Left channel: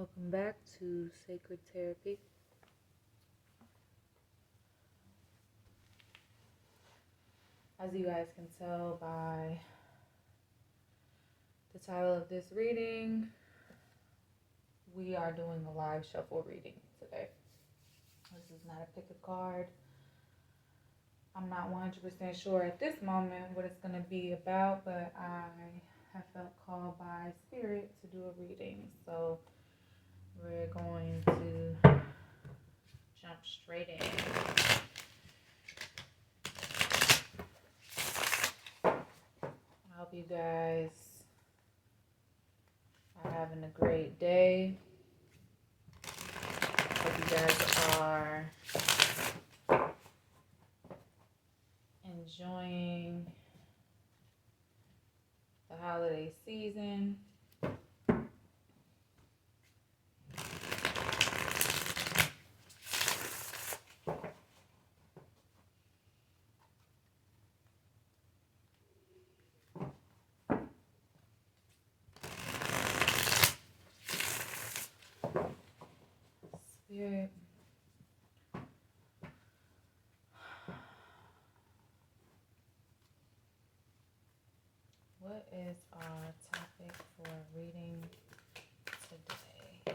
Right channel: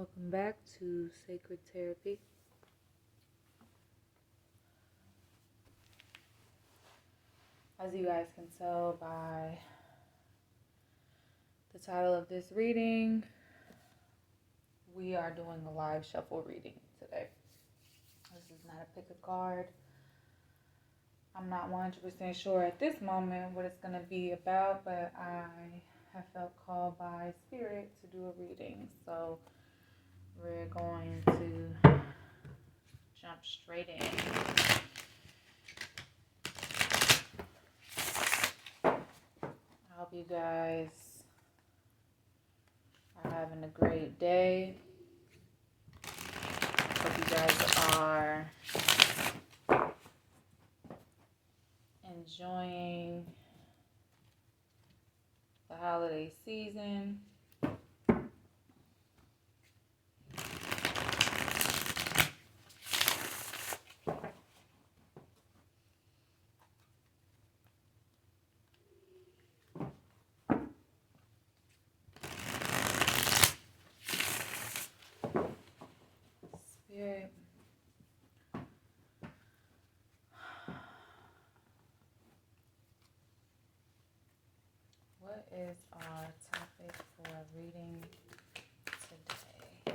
Welcome back to Sacred Therapy. As you guys can tell by the title of this reading, we are doing a live shuffle reading today. This is not a pick a card. I'm not 100% sure at this moment what it's going to be about, but I have felt called by Spirit to do a reading. So we're going to jump straight in. I hope you guys are having a great day. Hope you guys are enjoying the holiday season. Spirit, what is our topic for reading today?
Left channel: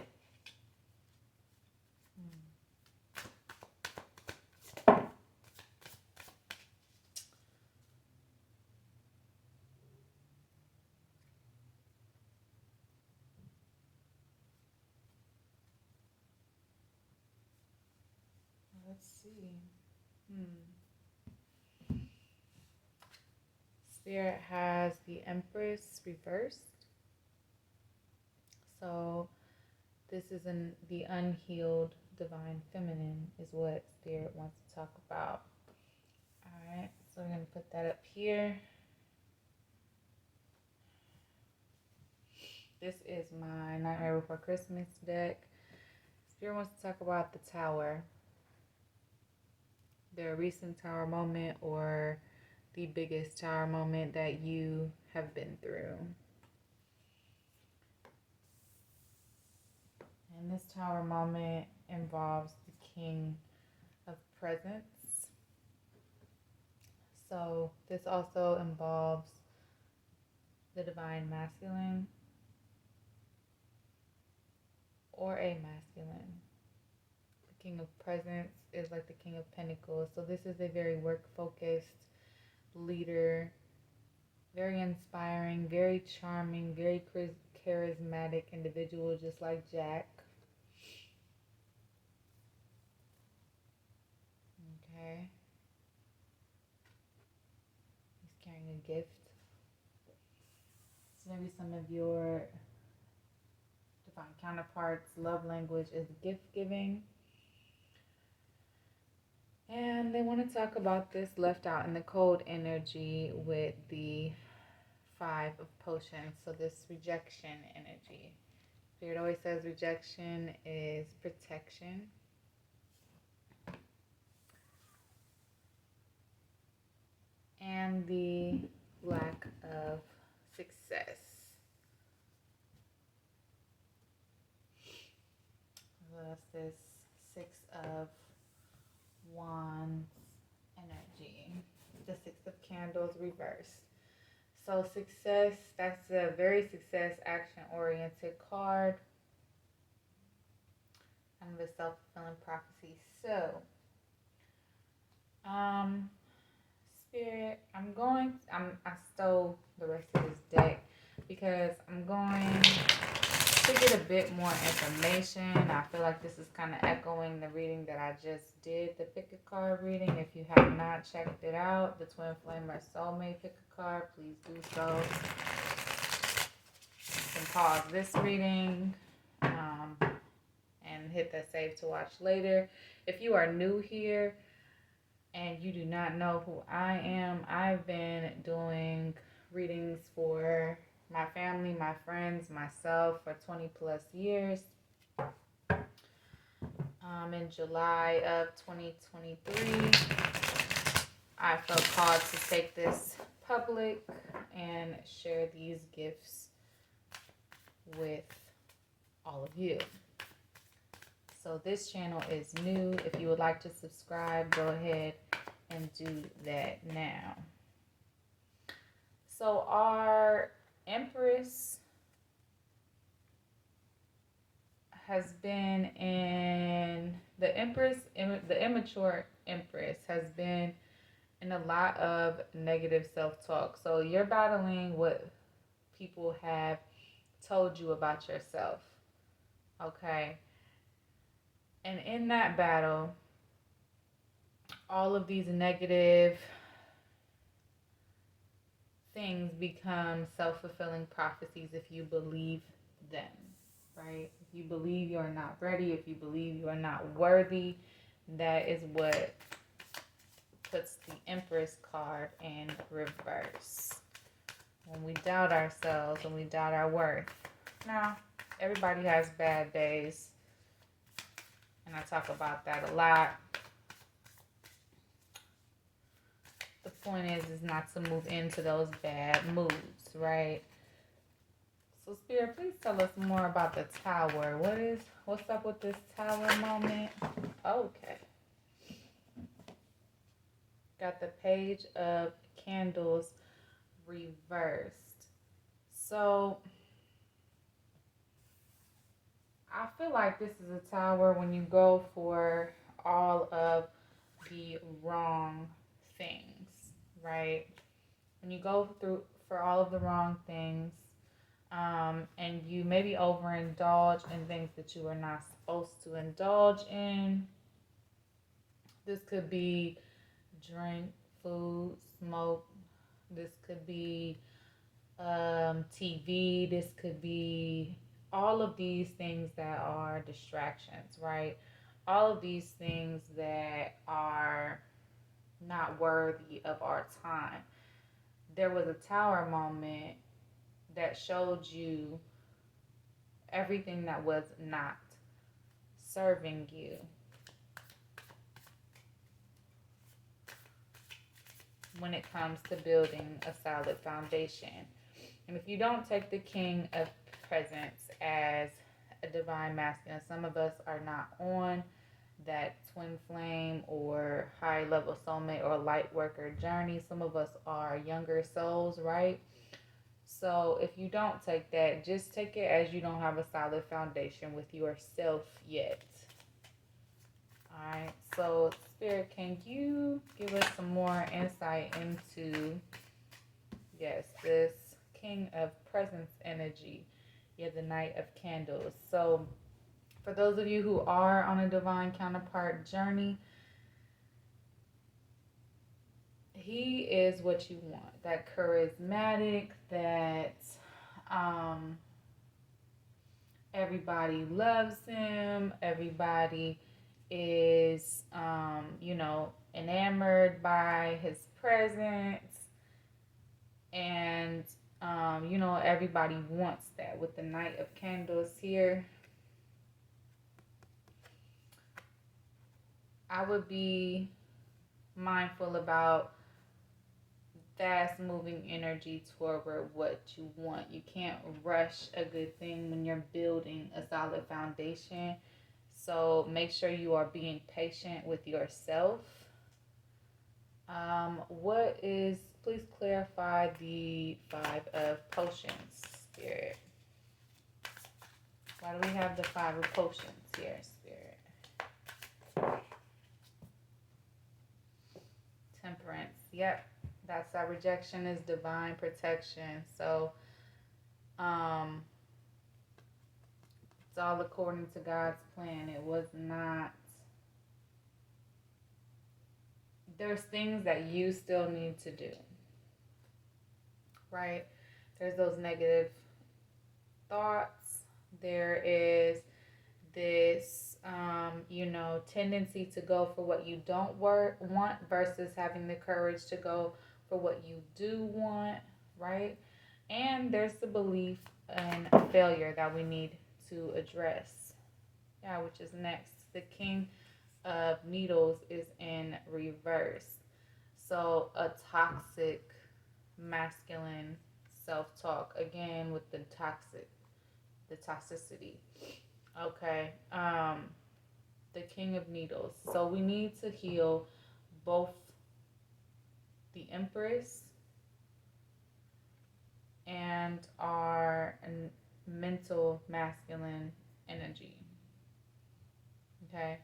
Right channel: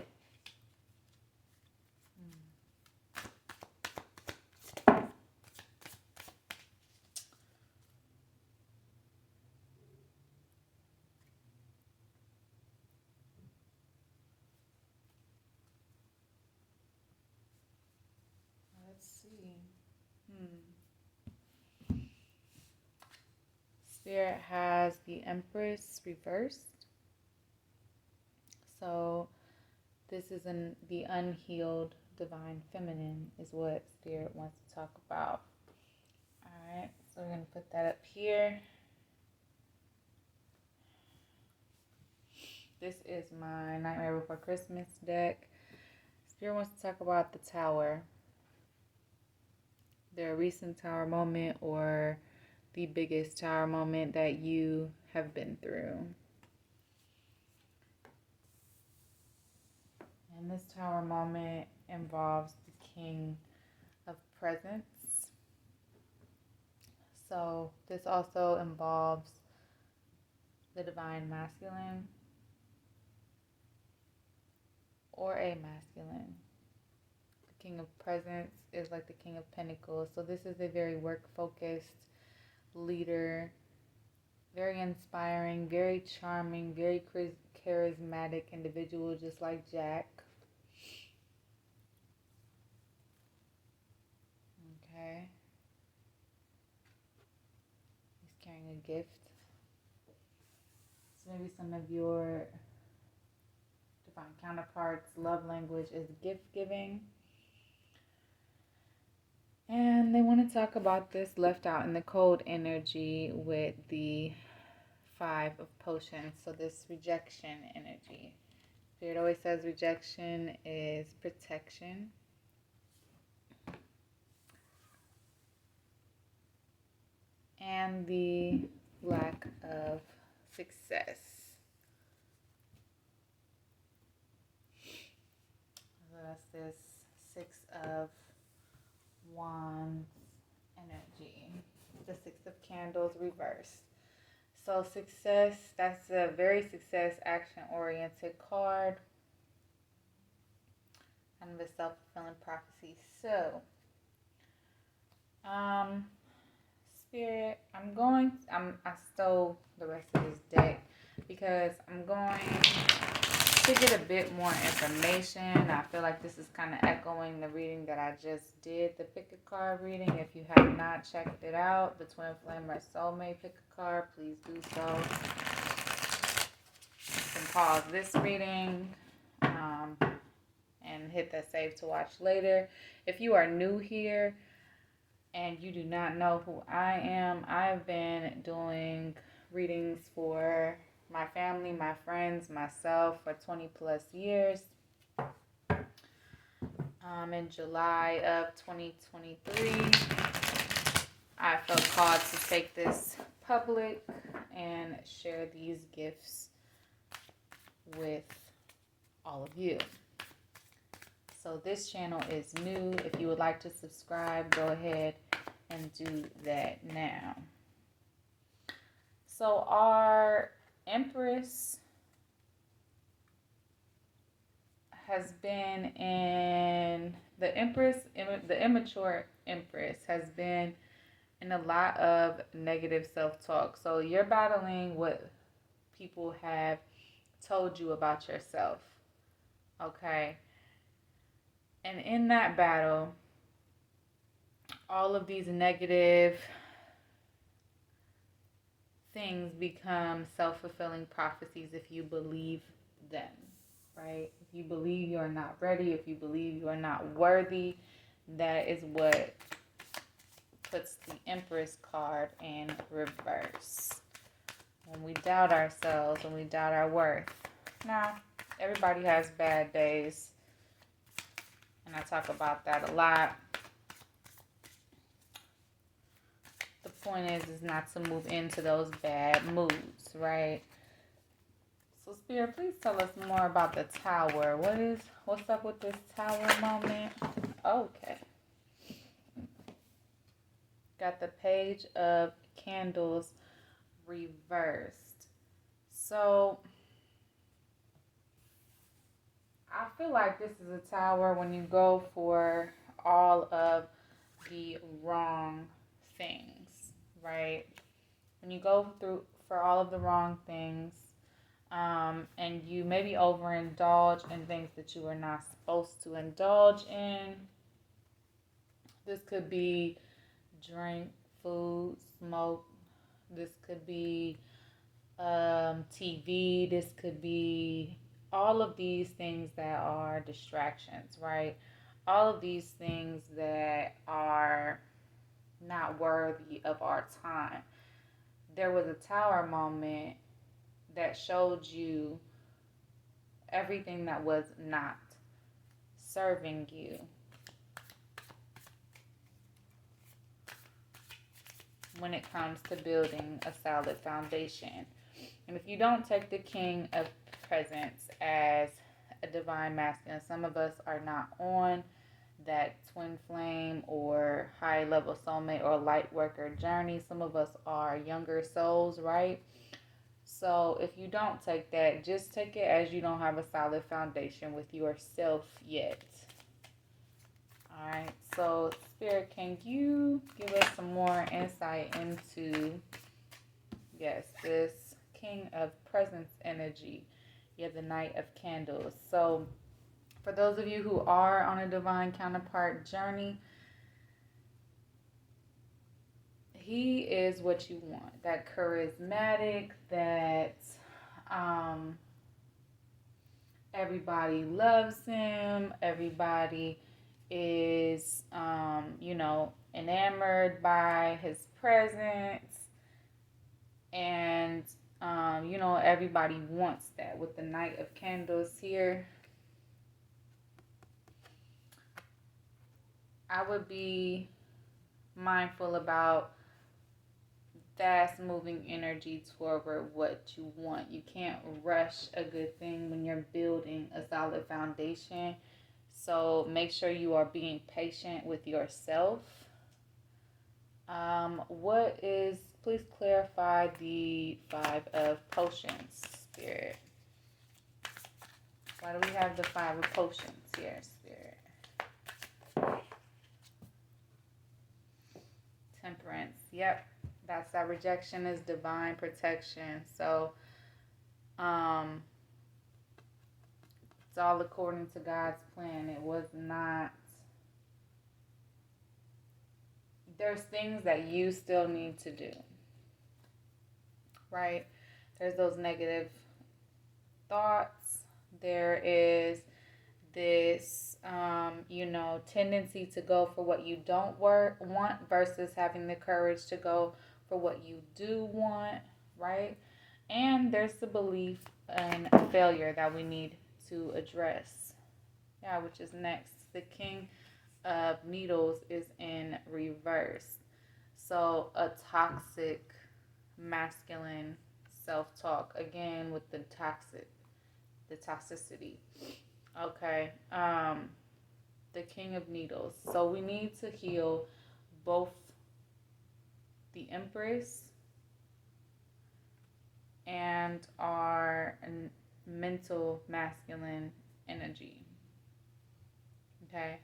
Let's see. Spirit has the Empress reversed. So this is the unhealed divine feminine is what Spirit wants to talk about. Alright, so we're going to put that up here. This is my Nightmare Before Christmas deck. Spirit wants to talk about the Tower. Their recent Tower moment or the biggest Tower moment that you have been through. And this Tower moment involves the King of Presents. So this also involves the Divine Masculine or a masculine. The King of Presents is like the King of Pentacles. So this is a very work-focused leader, very inspiring, very charming, very charismatic individual, just like Jack. Okay. He's carrying a gift. So maybe some of your divine counterparts' love language is gift giving. And they want to talk about this left out in the cold energy with the 5 of Potions. So this rejection energy. Spirit always says rejection is protection. And the lack of success. So that's this 6 of Wands energy. The 6 of Candles reversed. So success, that's a very success action oriented card. Kind of a self-fulfilling prophecy. So Spirit, I stole the rest of this deck because I'm going to get a bit more information. I feel like this is kind of echoing the reading that I just did, the pick a card reading. If you have not checked it out, the Twin Flame or Soulmate pick a card, please do so. You can pause this reading and hit that save to watch later. If you are new here and you do not know who I am, I've been doing readings for my family, my friends, myself for 20 plus years. In July of 2023, I felt called to take this public and share these gifts with all all of you. So this channel is new. If you would like to subscribe, go ahead and do that now. So our Empress has been in the immature Empress has been in a lot of negative self-talk. So you're battling what people have told you about yourself. Okay. And in that battle, all of these negative things become self-fulfilling prophecies if you believe them, right? If you believe you're not ready, if you believe you're not worthy, that is what puts the Empress card in reverse. When we doubt ourselves, when we doubt our worth. Now, everybody has bad days, and I talk about that a lot. The point is not to move into those bad moods, right? So Spirit, please tell us more about the Tower. What's up with this Tower moment? Okay. Got the Page of Candles reversed. So I feel like this is a Tower when you go for all of the wrong things, right? When you go through for all of the wrong things, and you maybe overindulge in things that you are not supposed to indulge in. This could be drink, food, smoke. This could be TV. This could be all of these things that are distractions, right? All of these things that are not worthy of our time. There was a Tower moment that showed you everything that was not serving you. When it comes to building a solid foundation. And if you don't take the King of Presents as a divine masculine, some of us are not on that twin flame or high level soulmate or light worker journey. Some of us are younger souls, right? So if you don't take that, just take it as you don't have a solid foundation with yourself yet. Alright, so Spirit, can you give us some more insight into, yes, this King of Presence energy? Yeah, the Knight of Candles. So for those of you who are on a Divine Counterpart journey, he is what you want. That charismatic, that everybody loves him, everybody is enamored by his presence, and everybody wants that. With the Knight of Candles here, I would be mindful about fast moving energy toward what you want. You can't rush a good thing when you're building a solid foundation. So make sure you are being patient with yourself. Please clarify the 5 of Potions, Spirit. Why do we have the 5 of Potions here, Spirit? Temperance, yep. That's our rejection is divine protection. So, it's all according to God's plan. It was not. There's things that you still need to do, right? There's those negative thoughts. There is this, tendency to go for what you don't want versus having the courage to go for what you do want, right? And there's the belief in failure that we need to address. Yeah, which is next. The King of Needles is in reverse. So a toxic masculine self-talk, again with the toxicity. Okay. The King of Needles. So we need to heal both the Empress and our mental masculine energy. Okay.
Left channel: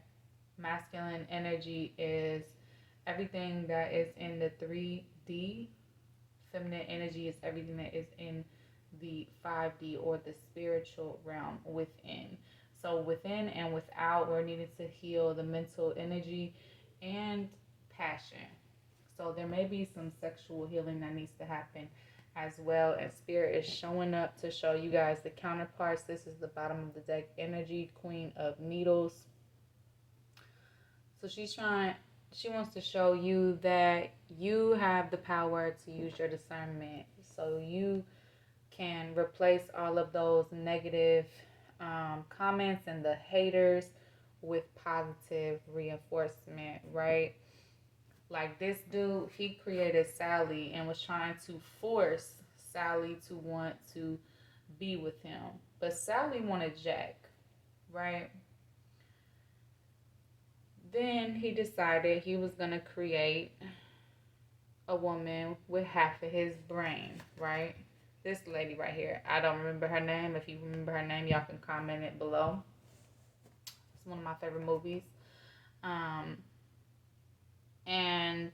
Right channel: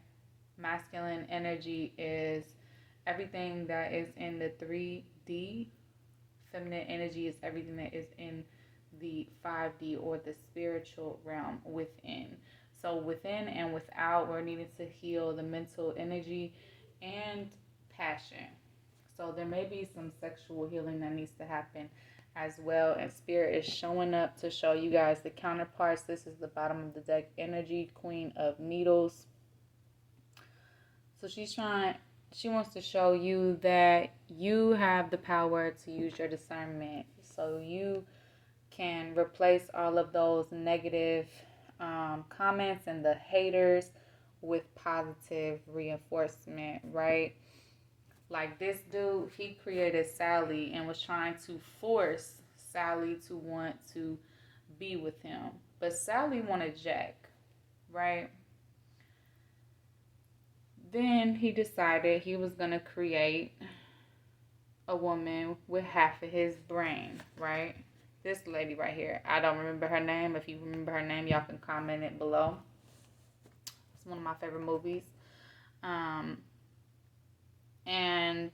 Masculine energy is everything that is in the 3D. Feminine energy is everything that is in the 5D or the spiritual realm within. So within and without, we're needing to heal the mental energy and passion. So there may be some sexual healing that needs to happen as well. And Spirit is showing up to show you guys the counterparts. This is the bottom of the deck energy, Queen of Needles. So she wants to show you that you have the power to use your discernment. So you can replace all of those negative comments and the haters with positive reinforcement, right? Like this dude, he created Sally and was trying to force Sally to want to be with him. But Sally wanted Jack, right? Then he decided he was going to create a woman with half of his brain, right? This lady right here. I don't remember her name. If you remember her name, y'all can comment it below. It's one of my favorite movies. And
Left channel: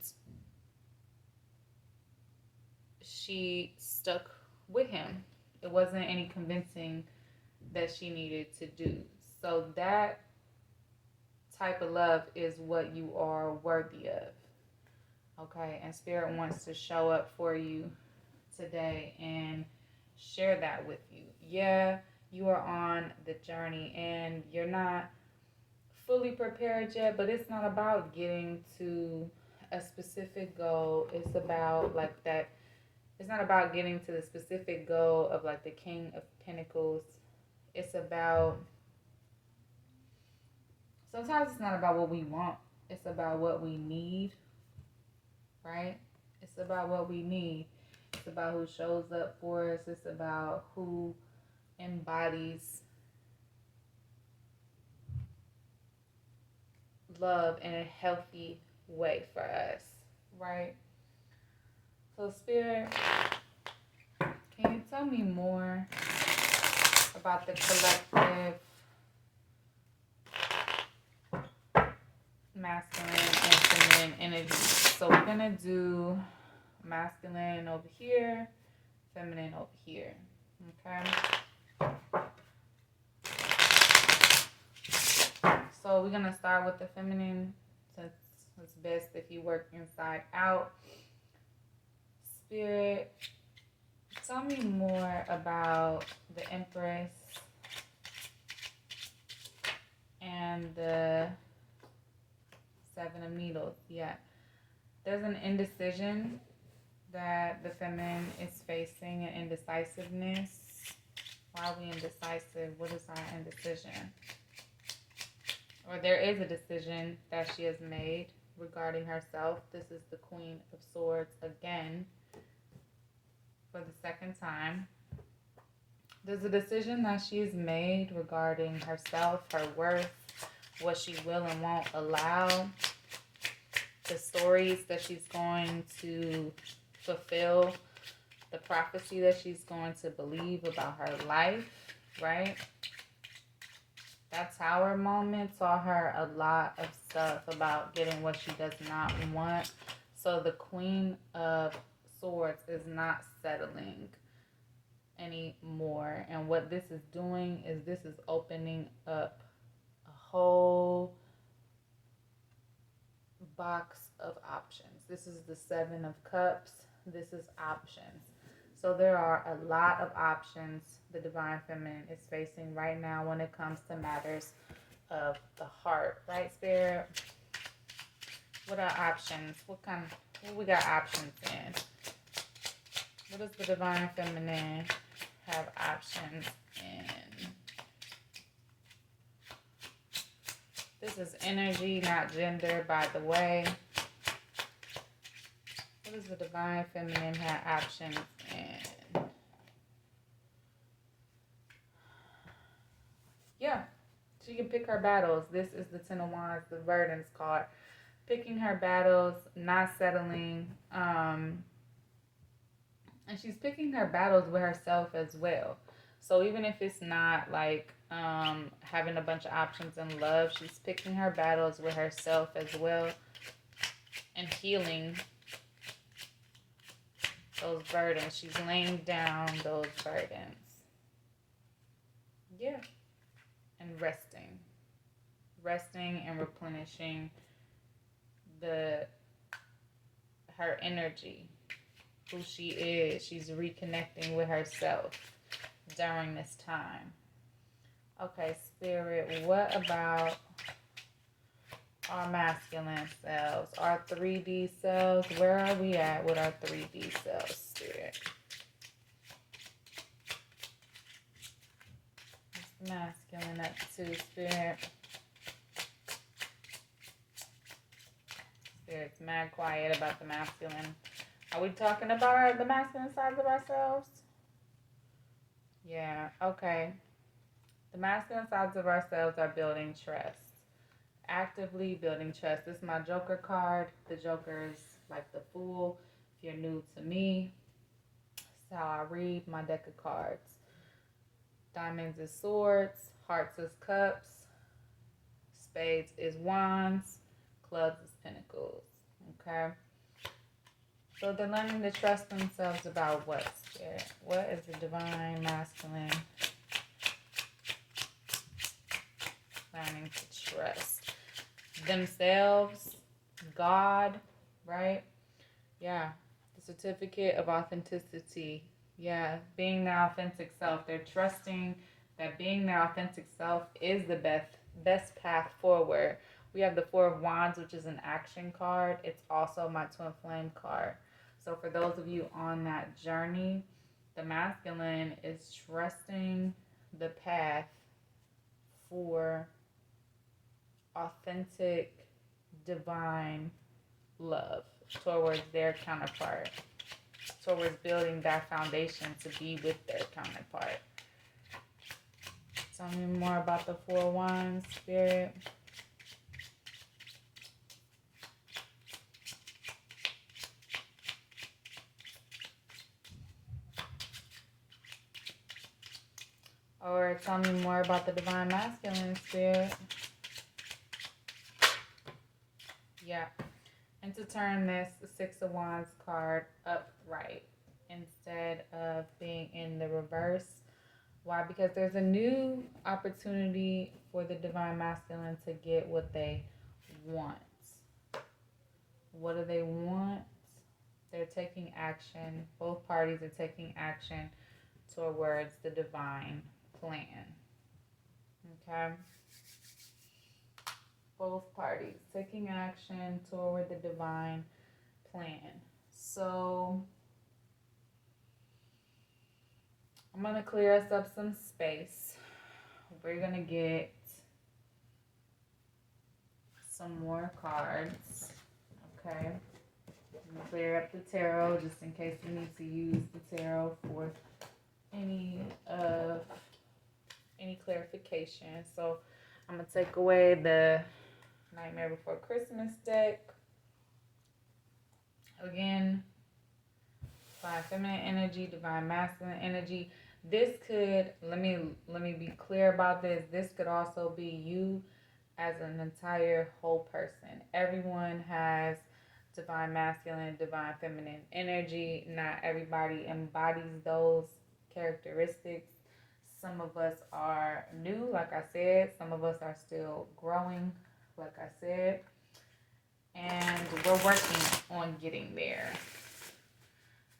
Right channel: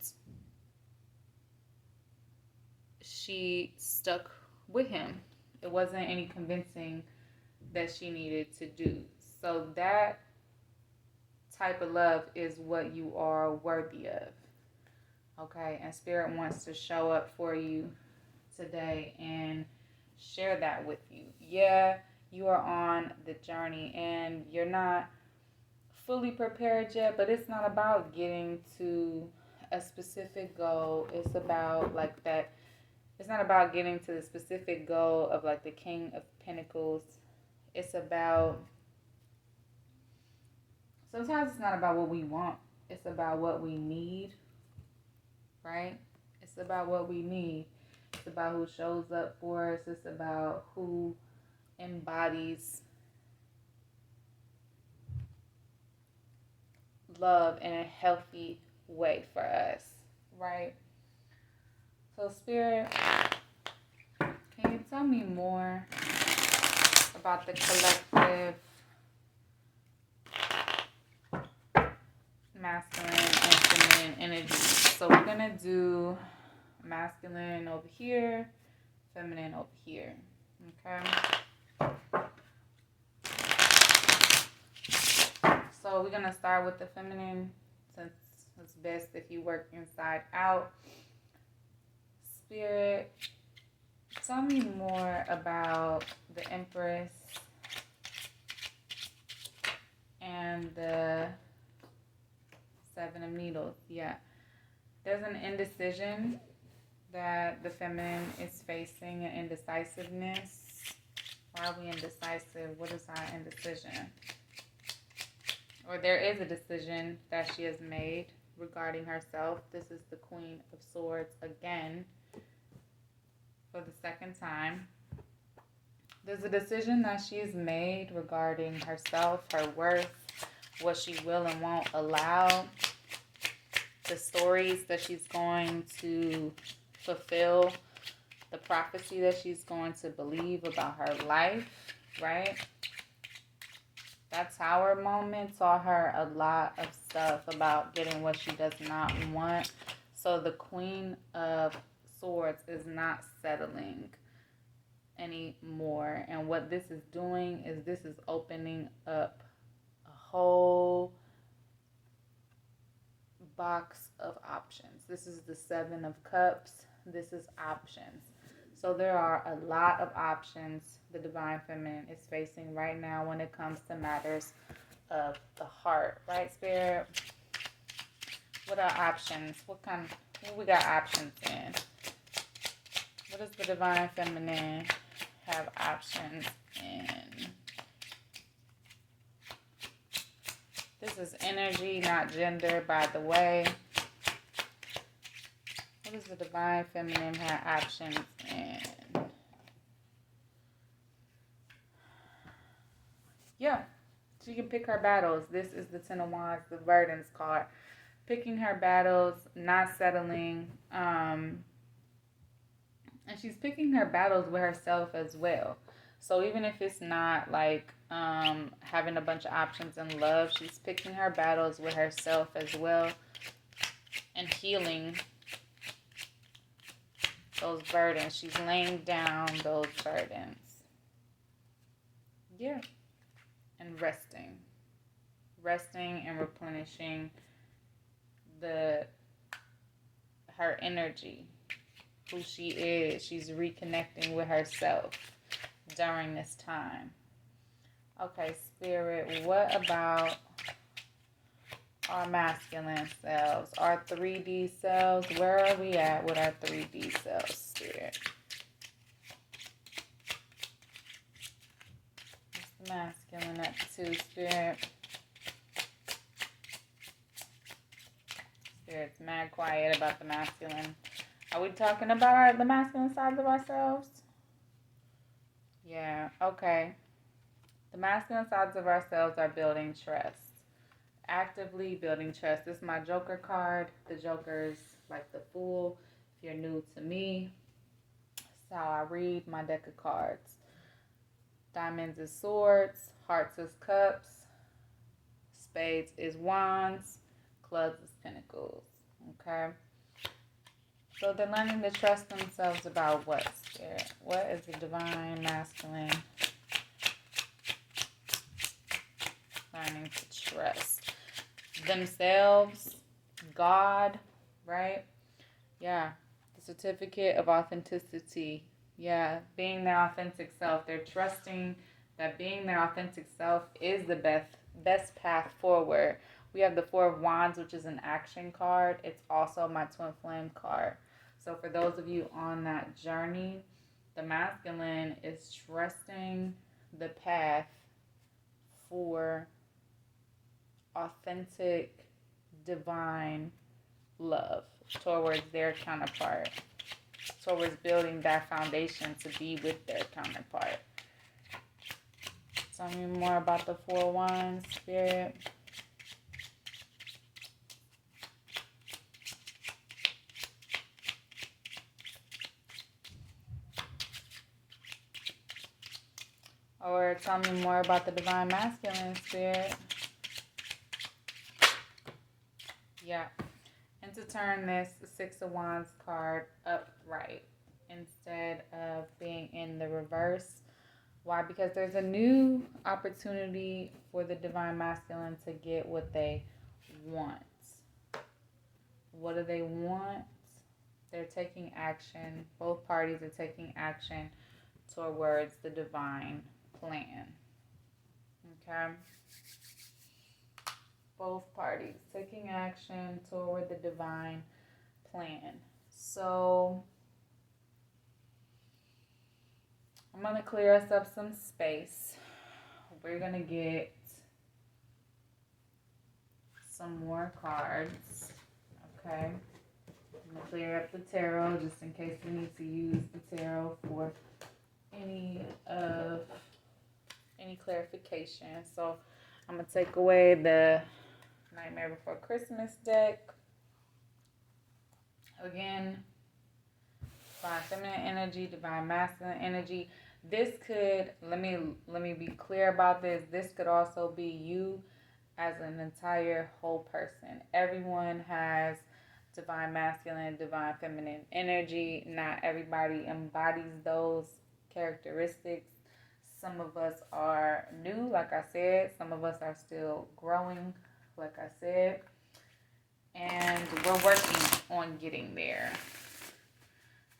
she stuck with him. It wasn't any convincing that she needed to do. So that type of love is what you are worthy of. Okay, and Spirit wants to show up for you today and share that with you. Yeah, you are on the journey and you're not fully prepared yet, but it's not about getting to a specific goal. It's about like that. It's not about getting to the specific goal of like the King of Pentacles. It's about, sometimes it's not about what we want. It's about what we need, right? It's about what we need. It's about who shows up for us. It's about who embodies love in a healthy way for us, right? So Spirit, can you tell me more about the collective masculine and feminine energy? So we're going to do masculine over here, feminine over here, okay? So we're going to start with the feminine, since it's best if you work inside out. Spirit, tell me more about the Empress and the Seven of Needles. Yeah. There's an indecision that the feminine is facing, an indecisiveness. Why are we indecisive? What is our indecision? Or there is a decision that she has made regarding herself. This is the Queen of Swords again for the second time. There's a decision that she's made regarding herself, her worth, what she will and won't allow, the stories that she's going to fulfill, the prophecy that she's going to believe about her life, right? That Tower moment taught her a lot of stuff about getting what she does not want. So the Queen of Swords is not settling anymore. And what this is doing is this is opening up a whole box of options. This is the Seven of Cups. This is options. So there are a lot of options the Divine Feminine is facing right now when it comes to matters of the heart. Right, Spirit? What are options? What we got options in? What does the Divine Feminine have options in? This is energy, not gender, by the way. What does the Divine Feminine have options in? Yeah. She can pick her battles. This is the Ten of Wands, the Verdance card. Picking her battles, not settling. And she's picking her battles with herself as well. So even if it's not like having a bunch of options in love, she's picking her battles with herself as well and healing those burdens. She's laying down those burdens. Yeah. And resting. Resting and replenishing her energy, who she is. She's reconnecting with herself during this time. Okay, Spirit, what about our masculine selves, our 3D selves? Where are we at with our 3D selves, Spirit? What's masculine at 2, Spirit? Spirit's mad quiet about the masculine. Are we talking about the masculine sides of ourselves? Yeah, okay. The masculine sides of ourselves are building trust. Actively building trust. This is my Joker card. The Joker's like the Fool. If you're new to me, that's how I read my deck of cards. Diamonds is swords. Hearts is cups. Spades is wands. Clubs is pentacles. Okay. So they're learning to trust themselves about what, Spirit? What is the divine masculine learning to trust? Themselves, God, right? Yeah. The certificate of authenticity. Yeah. Being their authentic self. They're trusting that being their authentic self is the best path forward. We have the Four of Wands, which is an action card. It's also my Twin Flame card. So for those of you on that journey, the masculine is trusting the path for authentic, divine love towards their counterpart, towards building that foundation to be with their counterpart. Tell me more about the Four Wands, Spirit. Or tell me more about the divine masculine, Spirit. Yeah. And to turn this Six of Wands card upright instead of being in the reverse. Why? Because there's a new opportunity for the divine masculine to get what they want. What do they want? They're taking action. Both parties are taking action towards the divine plan. Okay? Both parties taking action toward the divine plan. So I'm going to clear us up some space. We're going to get some more cards. Okay? I'm going to clear up the tarot just in case we need to use the tarot for any clarification. So I'm going to take away the Nightmare Before Christmas deck. Again, divine feminine energy, divine masculine energy. This could, let me be clear about this. This could also be you as an entire whole person. Everyone has divine masculine, divine feminine energy. Not everybody embodies those characteristics. Some of us are new, like I said. Some of us are still growing, like I said. And we're working on getting there.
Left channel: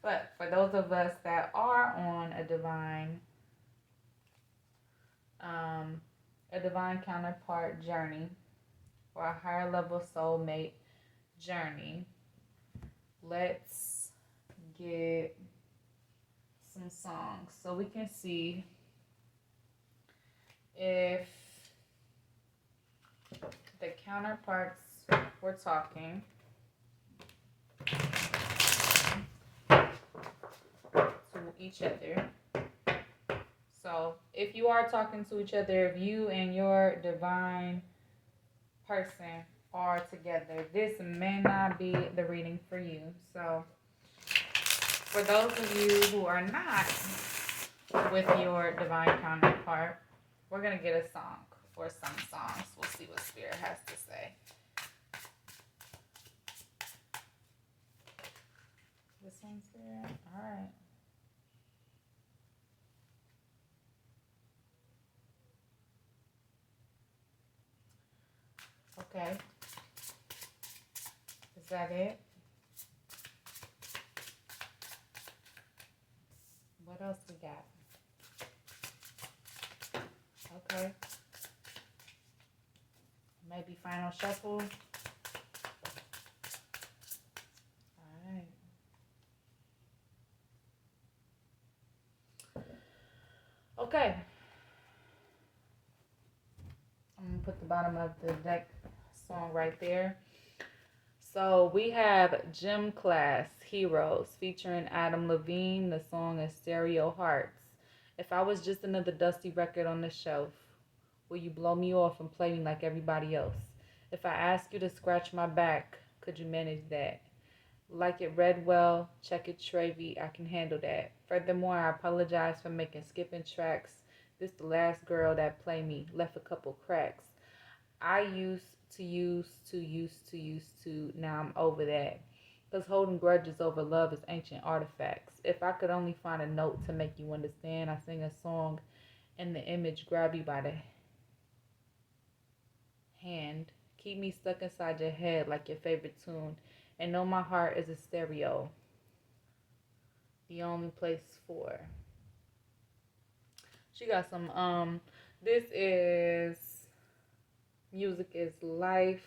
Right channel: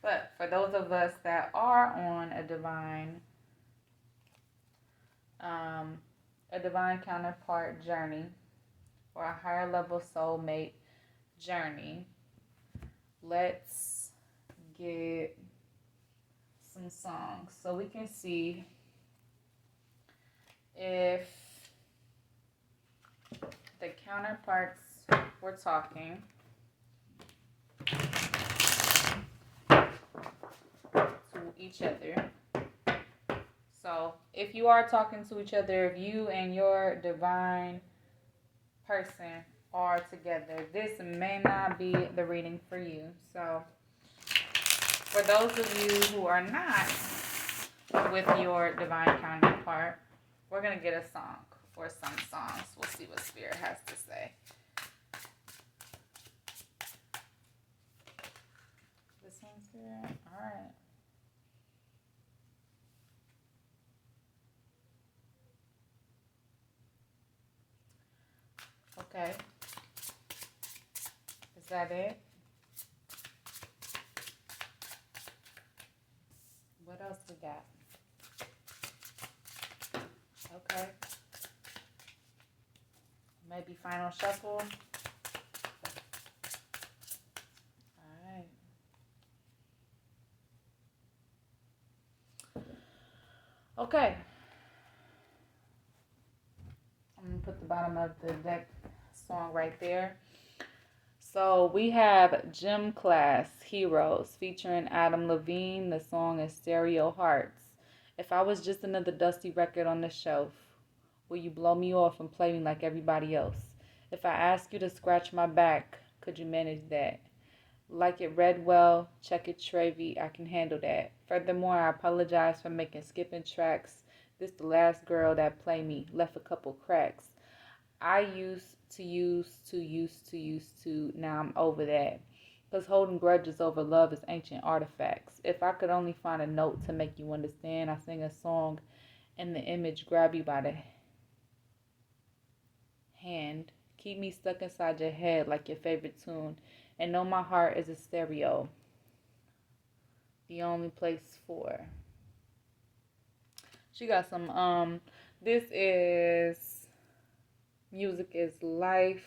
But for those of us that are on a divine counterpart journey or a higher level soulmate journey, let's get some songs so we can see if the counterparts we're talking to each other. So if you are talking to each other, if you and your divine person are together, this may not be the reading for you. So for those of you who are not with your divine counterpart, we're going to get a song or some songs. We'll see what Spirit has to say. This one's here. All right. Okay. Is that it? What else we got? Okay. Maybe final shuffle. All right. Okay. I'm going to put the bottom of the deck song right there. So we have Gym Class Heroes featuring Adam Levine. The song is Stereo Hearts. If I was just another dusty record on the shelf, will you blow me off and play me like everybody else? If I ask you to scratch my back, could you manage that? Like it read well, check it Travy, I can handle that. Furthermore, I apologize for making skipping tracks. This the last girl that play me, left a couple cracks. I used to, now I'm over that. Because holding grudges over love is ancient artifacts. If I could only find a note to make you understand, I sing a song and the image grab you by the hand. Keep me stuck inside your head like your favorite tune. And know my heart is a stereo. The only place for. She got some, this is Music is Life.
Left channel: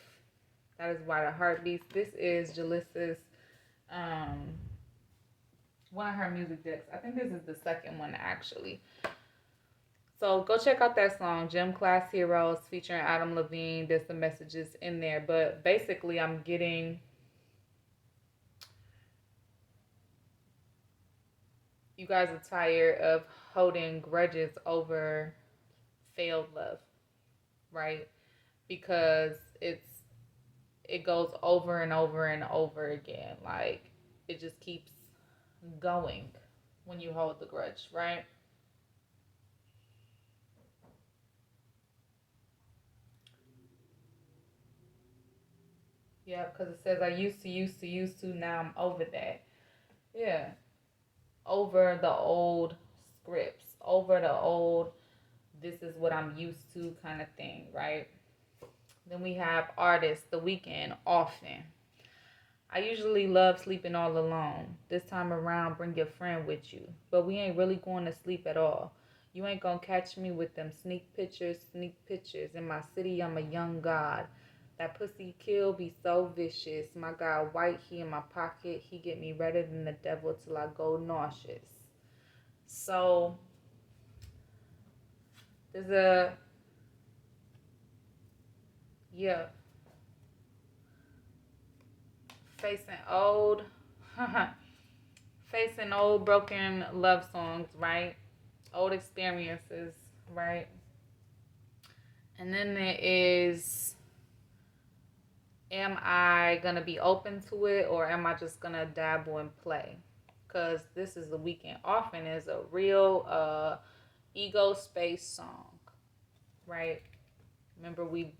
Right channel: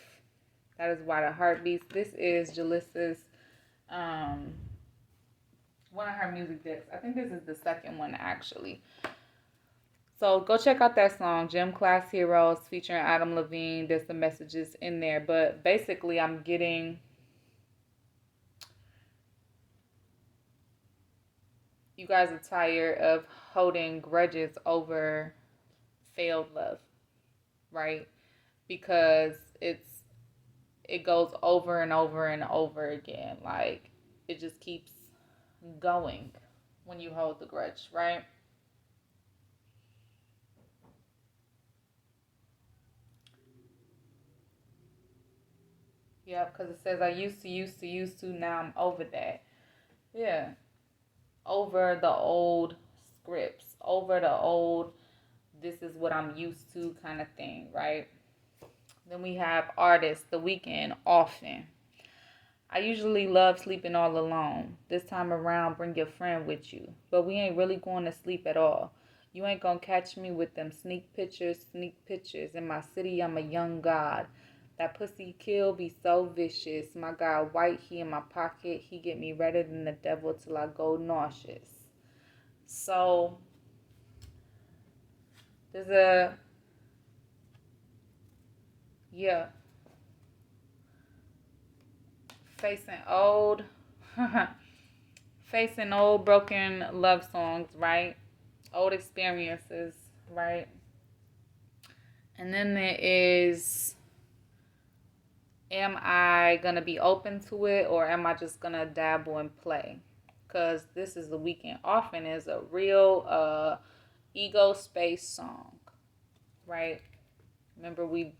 That is Why the Heart Beats. This is Jalissa's, one of her music decks. I think this is the second one, actually. So go check out that song, Gym Class Heroes, featuring Adam Levine. There's some messages in there. But basically, I'm getting, you guys are tired of holding grudges over failed love, right? Because it goes over and over and over again. Like, it just keeps going when you hold the grudge, right? Yeah, because it says I used to, now I'm over that. Yeah. Over the old scripts, over the old, this is what I'm used to kind of thing, right? Then we have artists, The Weekend, Often. I usually love sleeping all alone. This time around, bring your friend with you. But we ain't really going to sleep at all. You ain't gonna catch me with them sneak pictures. In my city, I'm a young god. That pussy kill be so vicious. My guy white, he in my pocket. He get me redder than the devil till I go nauseous. So, there's a, yeah, facing old, facing old broken love songs, right? Old experiences, right? And then there is, am I going to be open to it or am I just going to dabble and play? Because this is The Weekend. Often is a real ego space song, right? Remember, we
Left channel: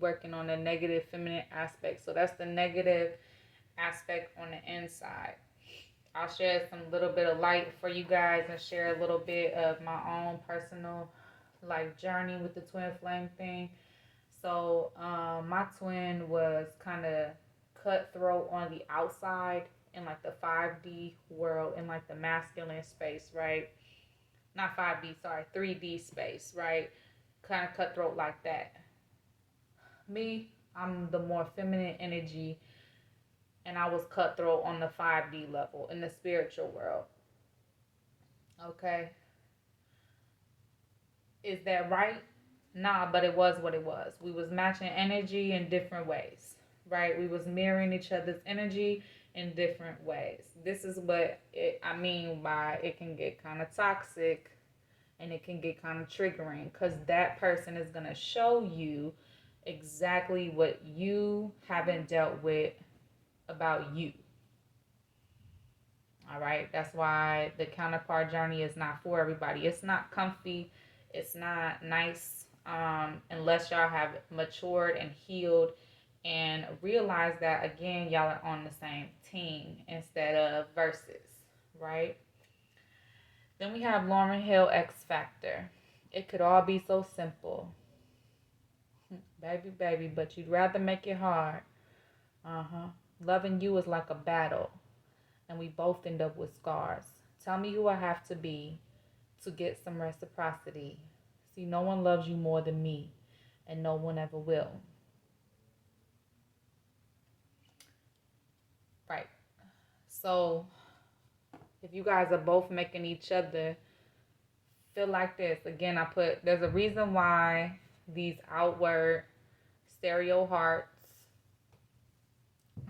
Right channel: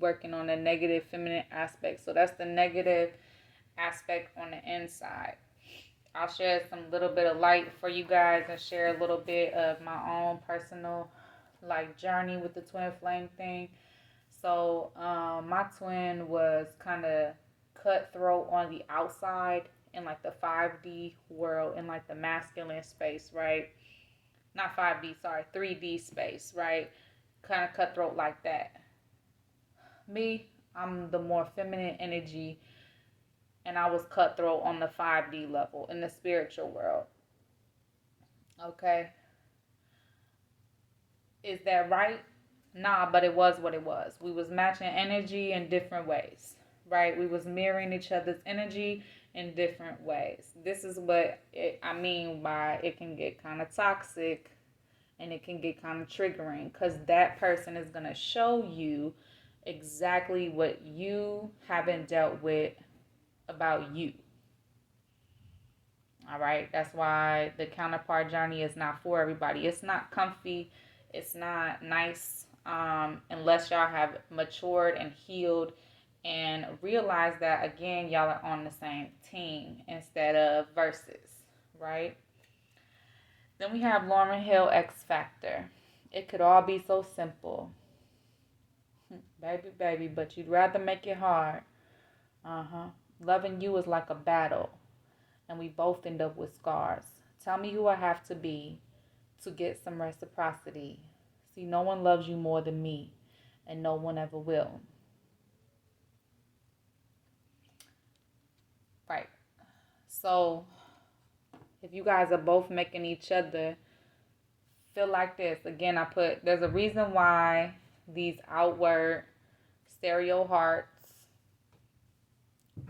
working on the negative feminine aspect. So that's the negative aspect on the inside. I'll share some little bit of light for you guys and share a little bit of my own personal like journey with the twin flame thing. So my twin was kind of cutthroat on the outside in like the 5D world, in like the masculine space, right? Not 5D, sorry, 3D space, right? Kind of cutthroat like that. Me, I'm the more feminine energy, and I was cutthroat on the 5D level in the spiritual world. Okay. Is that right? Nah, but it was what it was. We was matching energy in different ways, right? We was mirroring each other's energy in different ways. This is what I mean by it can get kind of toxic And it can get kind of triggering because that person is going to show you exactly what you haven't dealt with about you. All right. That's why the counterpart journey is not for everybody. It's not comfy. It's not nice unless y'all have matured and healed and realize that, again, y'all are on the same team instead of versus, right? Then we have Lauren Hill X Factor. It could all be so simple. Baby, baby, but you'd rather make it hard. Uh-huh. Loving you is like a battle, and we both end up with scars. Tell me who I have to be to get some reciprocity. See, no one loves you more than me, and no one ever will. Right. So, if you guys are both making each other feel like this, again, there's a reason why these outward stereo hearts,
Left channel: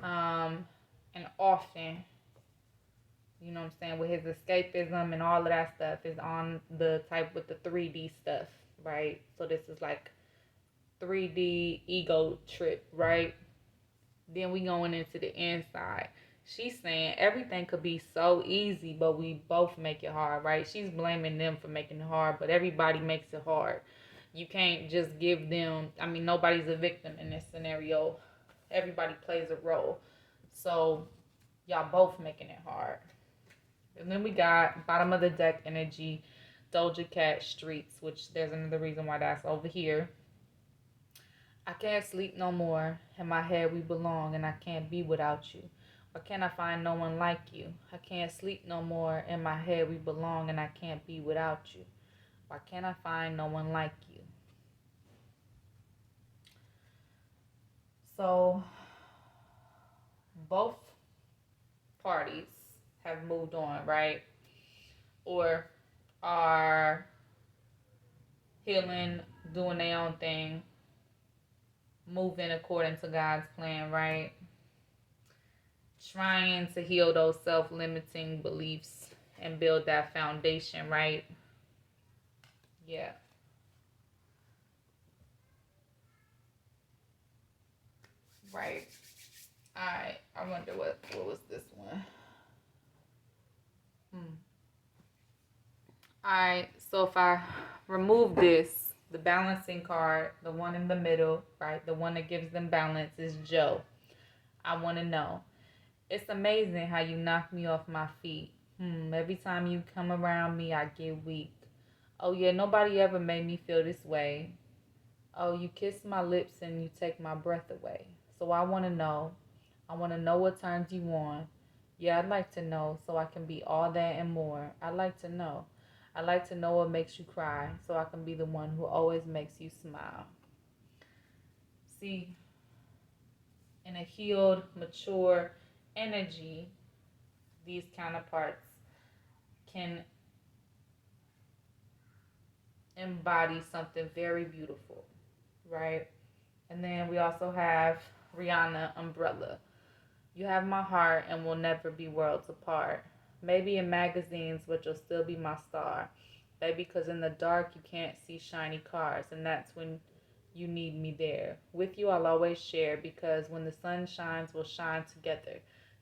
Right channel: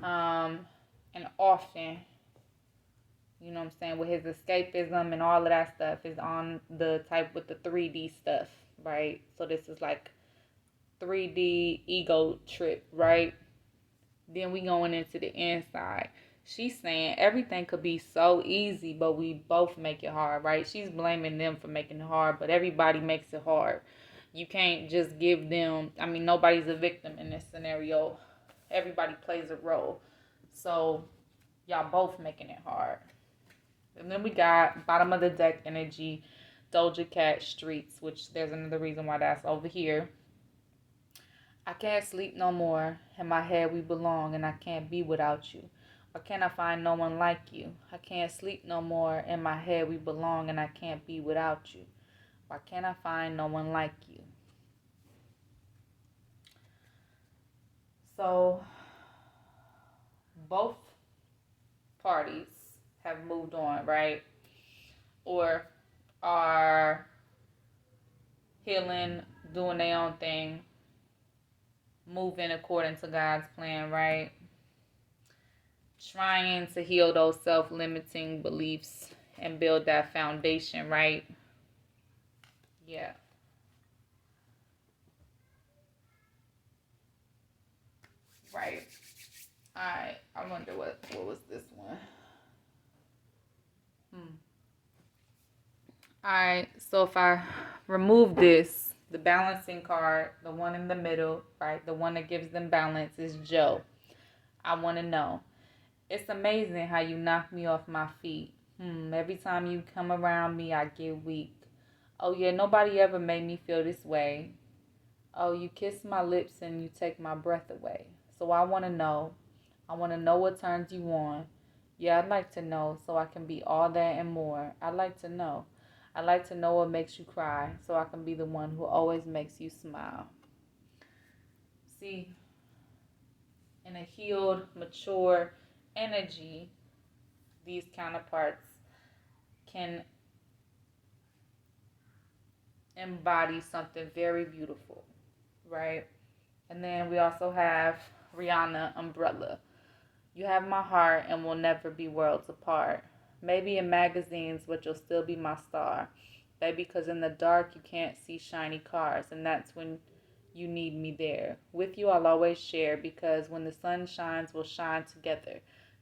and often, you know what I'm saying, with his escapism and all of that stuff is on the type with the 3D stuff, right? So this is like 3D ego trip, right? Then we going into the inside. She's saying everything could be so easy, but we both make it hard, right? She's blaming them for making it hard, but everybody makes it hard. You can't just give them, I mean, nobody's a victim in this scenario. Everybody plays a role. So y'all both making it hard. And then we got bottom of the deck energy, Doja Cat Streets, which there's another reason why that's over here. I can't sleep no more. In my head we belong and I can't be without you. Why can't I find no one like you? I can't sleep no more. In my head we belong and I can't be without you. Why can't I find no one like you? So both parties have moved on, right? Or are healing, doing their own thing, moving according to God's plan, right? Trying to heal those self-limiting beliefs and build that foundation, right? Yeah. Right. Alright. I wonder what was this one? Alright, so if I remove this, the balancing card, the one in the middle, right? The one that gives them balance is Joe. I want to know. It's amazing how you knock me off my feet. Every time you come around me, I get weak. Oh yeah, nobody ever made me feel this way. Oh, you kiss my lips and you take my breath away. So I want to know. I want to know what turns you on. Yeah, I'd like to know so I can be all that and more. I'd like to know. I'd like to know what makes you cry so I can be the one who always makes you smile. See, in a healed, mature energy, these counterparts can embody something very beautiful, right? And then we also have Rihanna Umbrella. You have my heart and we'll never be worlds apart. Maybe in magazines, but you'll still be my star. Baby, because in the dark you can't see shiny cars, and that's when you need me there. With you I'll always share, because when the sun shines, we'll shine together.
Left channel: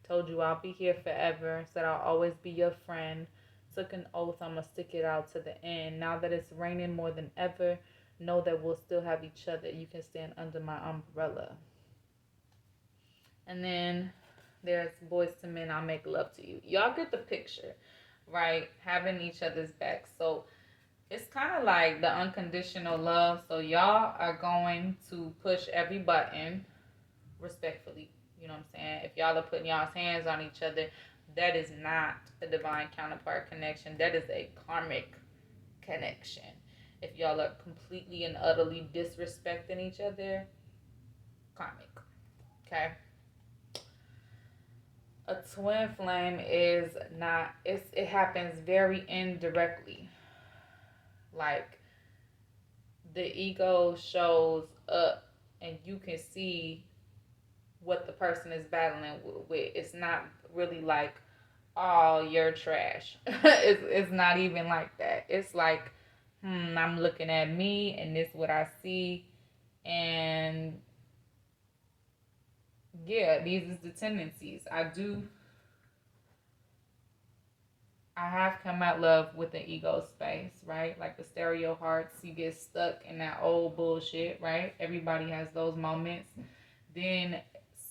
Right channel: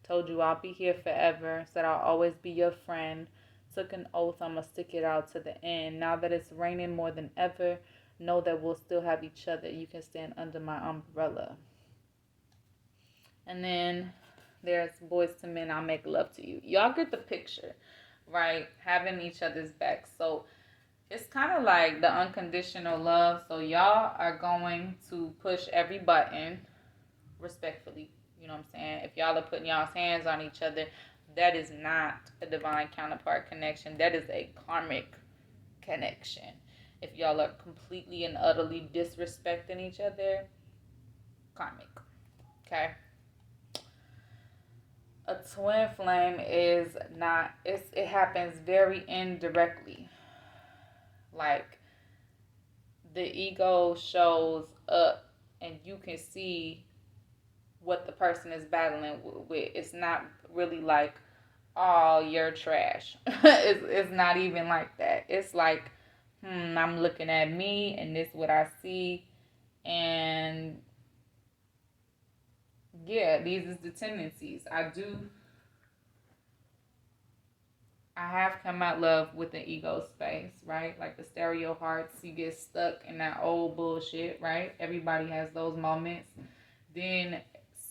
Told you I'll be here forever, said I'll always be your friend. Took an oath I'ma stick it out to the end. Now that it's raining more than ever, know that we'll still have each other. You can stand under my umbrella. And then there's Boys to Men, I'll make love to you. Y'all get the picture, right? Having each other's back. So it's kind of like the unconditional love. So y'all are going to push every button respectfully. You know what I'm saying? If y'all are putting y'all's hands on each other, that is not a divine counterpart connection. That is a karmic connection. If y'all are completely and utterly disrespecting each other, karmic. Okay? A twin flame is not, it happens very indirectly. Like the ego shows up and you can see what the person is battling with. It's not really like, oh, you're trash. It's not even like that. It's like I'm looking at me and this is what I see. And yeah, these is the tendencies. I have come at love with the ego space, right? Like the stereo hearts, you get stuck in that old bullshit, right? Everybody has those moments. Then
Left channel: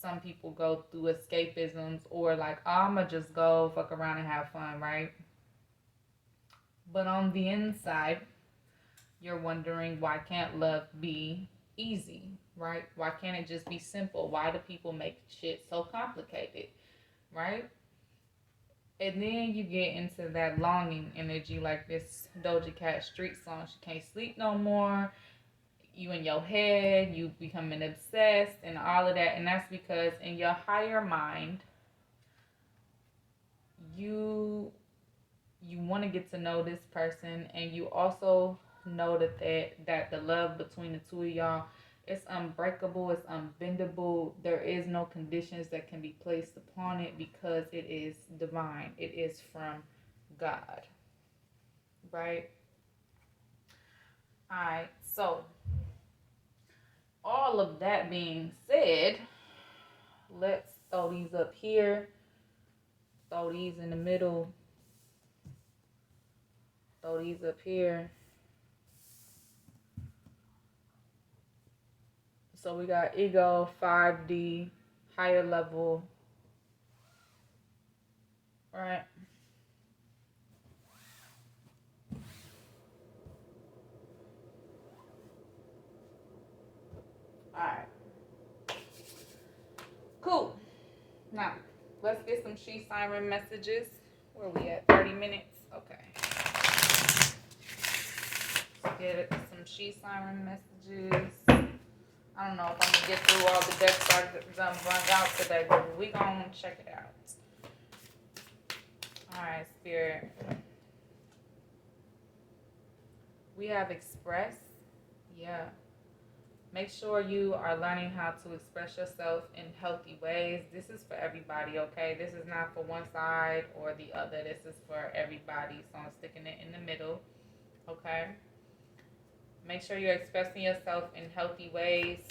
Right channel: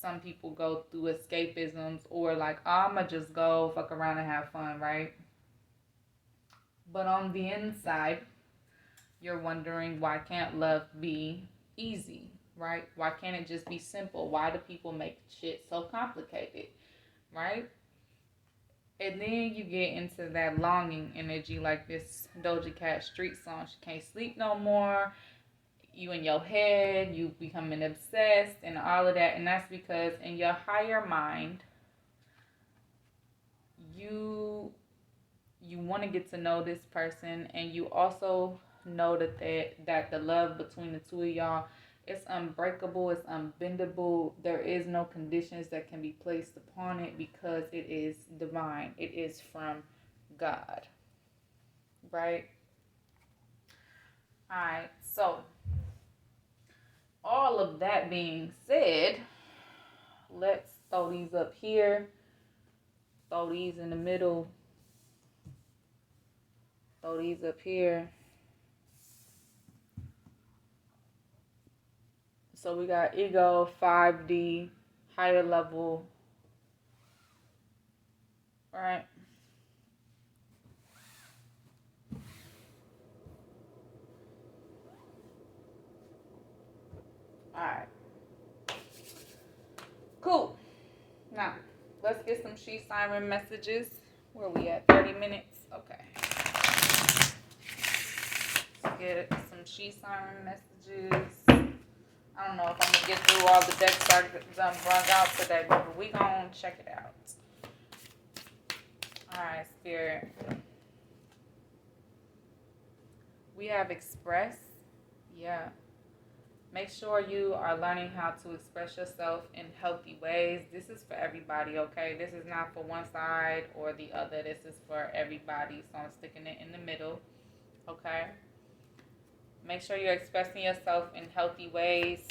some people go through escapisms or like, oh, I'ma just go fuck around and have fun, right? But on the inside, you're wondering, why can't love be easy, right? Why can't it just be simple? Why do people make shit so complicated, right? And then you get into that longing energy, like this Doja Cat street song. She can't sleep no more. You in your head, you becoming obsessed and all of that. And that's because in your higher mind, you want to get to know this person, and you also know that the love between the two of y'all, it's unbreakable, it's unbendable. There is no conditions that can be placed upon it because it is divine. It is from God, right? All right. So, all of that being said, let's throw these up here, throw these in the middle, throw these up here. So we got ego, 5D, higher level, right? All right. Cool. Now, let's get some she siren messages. Where we at? 30 minutes? Okay. Let's get some she siren messages. I don't know if I'm going to get through all the decks I done brought out today, but we going to check it out. All right, Spirit. We have express. Yeah. Make sure you are learning how to express yourself in healthy ways. This is for everybody, okay? This is not for one side or the other. This is for everybody. So I'm sticking it in the middle, okay? Make sure you're expressing yourself in healthy ways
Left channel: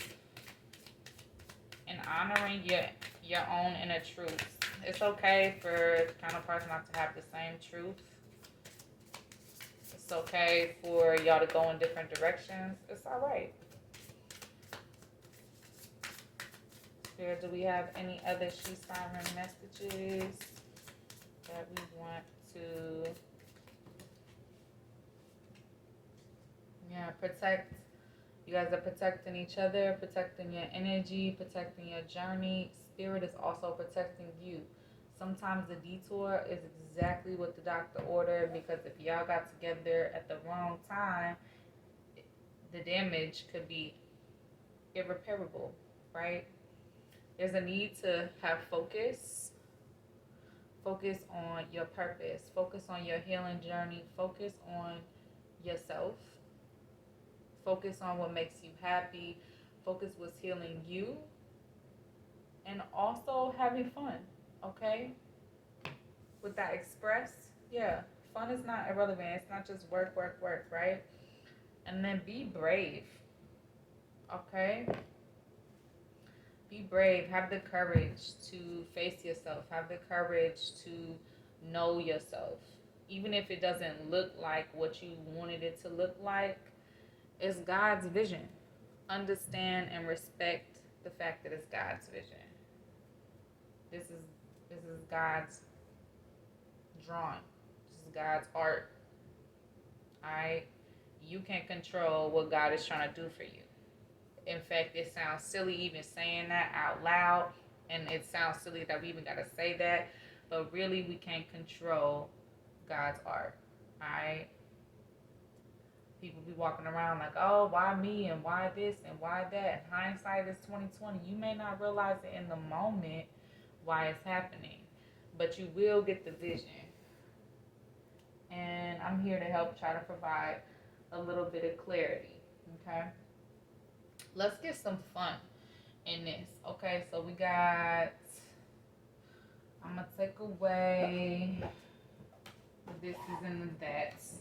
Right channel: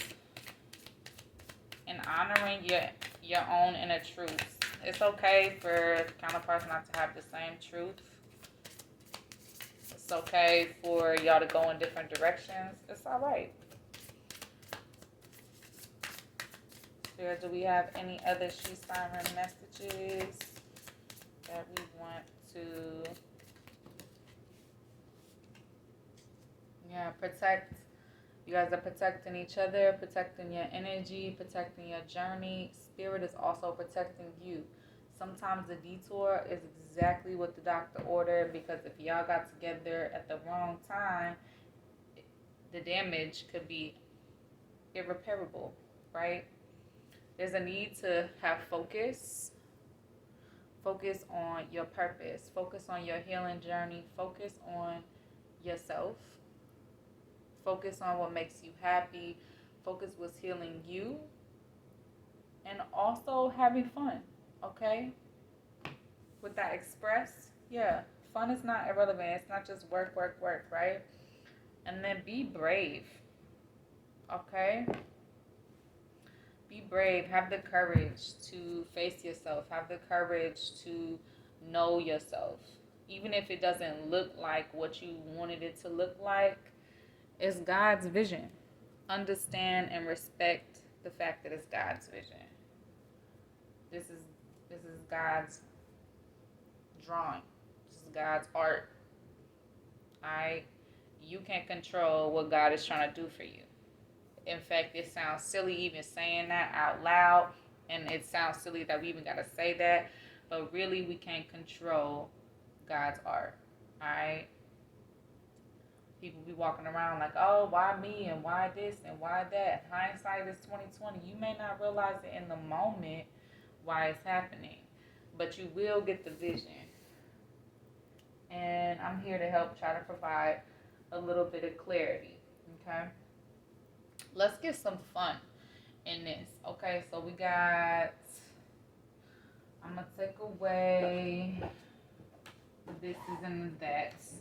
and honoring your own inner truths. It's okay for counterparts not to have the same truth. It's okay for y'all to go in different directions. It's all right. Do we have any other she siren messages that we want to protect? You guys are protecting each other, protecting your energy, protecting your journey. Spirit is also protecting you. Sometimes the detour is exactly what the doctor ordered, because if y'all got together at the wrong time, the damage could be irreparable, right? There's a need to have focus. Focus on your purpose. Focus on your healing journey. Focus on yourself. Focus on what makes you happy. Focus what's healing you. And also having fun, okay? With that express, yeah, fun is not irrelevant. It's not just work, work, work, right? And then be brave, okay? Be brave. Have the courage to face yourself. Have the courage to know yourself. Even if it doesn't look like what you wanted it to look like, it's God's vision. Understand and respect the fact that it's God's vision. This is God's drawing. This is God's art. Alright? You can't control what God is trying to do for you. In fact, it sounds silly even saying that out loud, and it sounds silly that we even gotta say that, but really we can't control God's art. Alright? People be walking around like, oh, why me and why this and why that? Hindsight is 2020. You may not realize it in the moment why it's happening, but you will get the vision. And I'm here to help try to provide a little bit of clarity. Okay? Let's get some fun in this. Okay, so we got, I'm gonna take away the this is and the that's.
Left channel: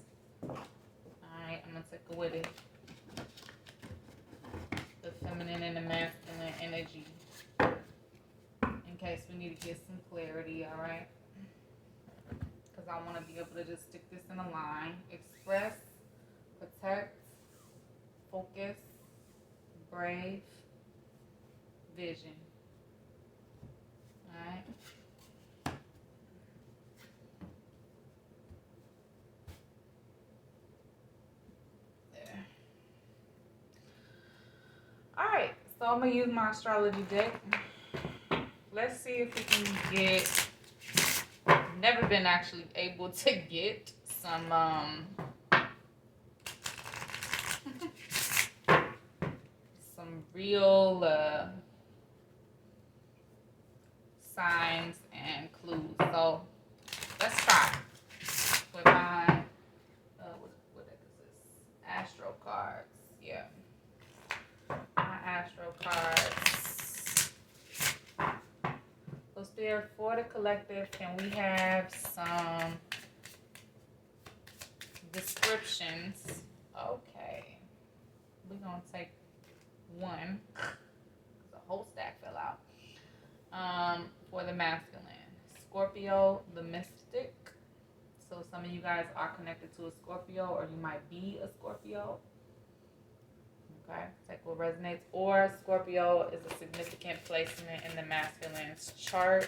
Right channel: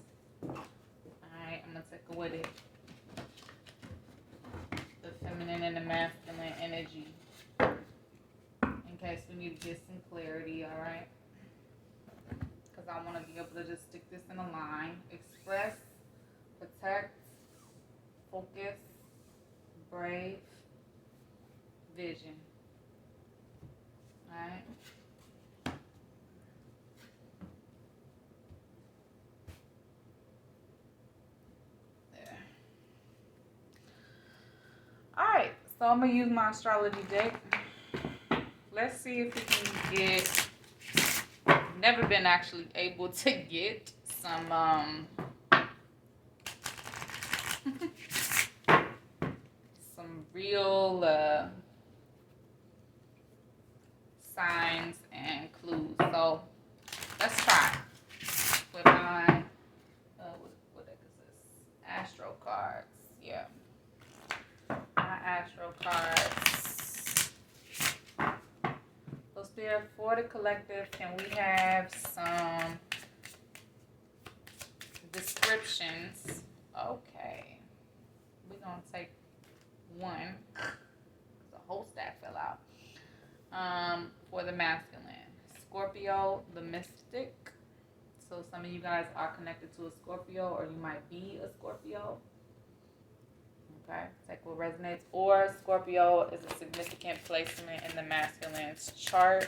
Alright, right, I'm going to take away the feminine and the masculine energy in case we need to get some clarity, all right? Because I want to be able to just stick this in a line. Express, protect, focus, brave, vision. All right? There. All right, so I'm going to use my astrology deck. Let's see if we can get, never been actually able to get some some real signs and clues. So let's try with my what deck is this? Astro cards. Yeah, my Astro cards. So Spirit, for the collective, can we have some descriptions? Okay, we're gonna take one. The whole stack fell out. For the masculine, Scorpio, the mystic. So some of you guys are connected to a Scorpio, or you might be a Scorpio. Okay, take what resonates. Or Scorpio is a significant placement in the masculine's chart.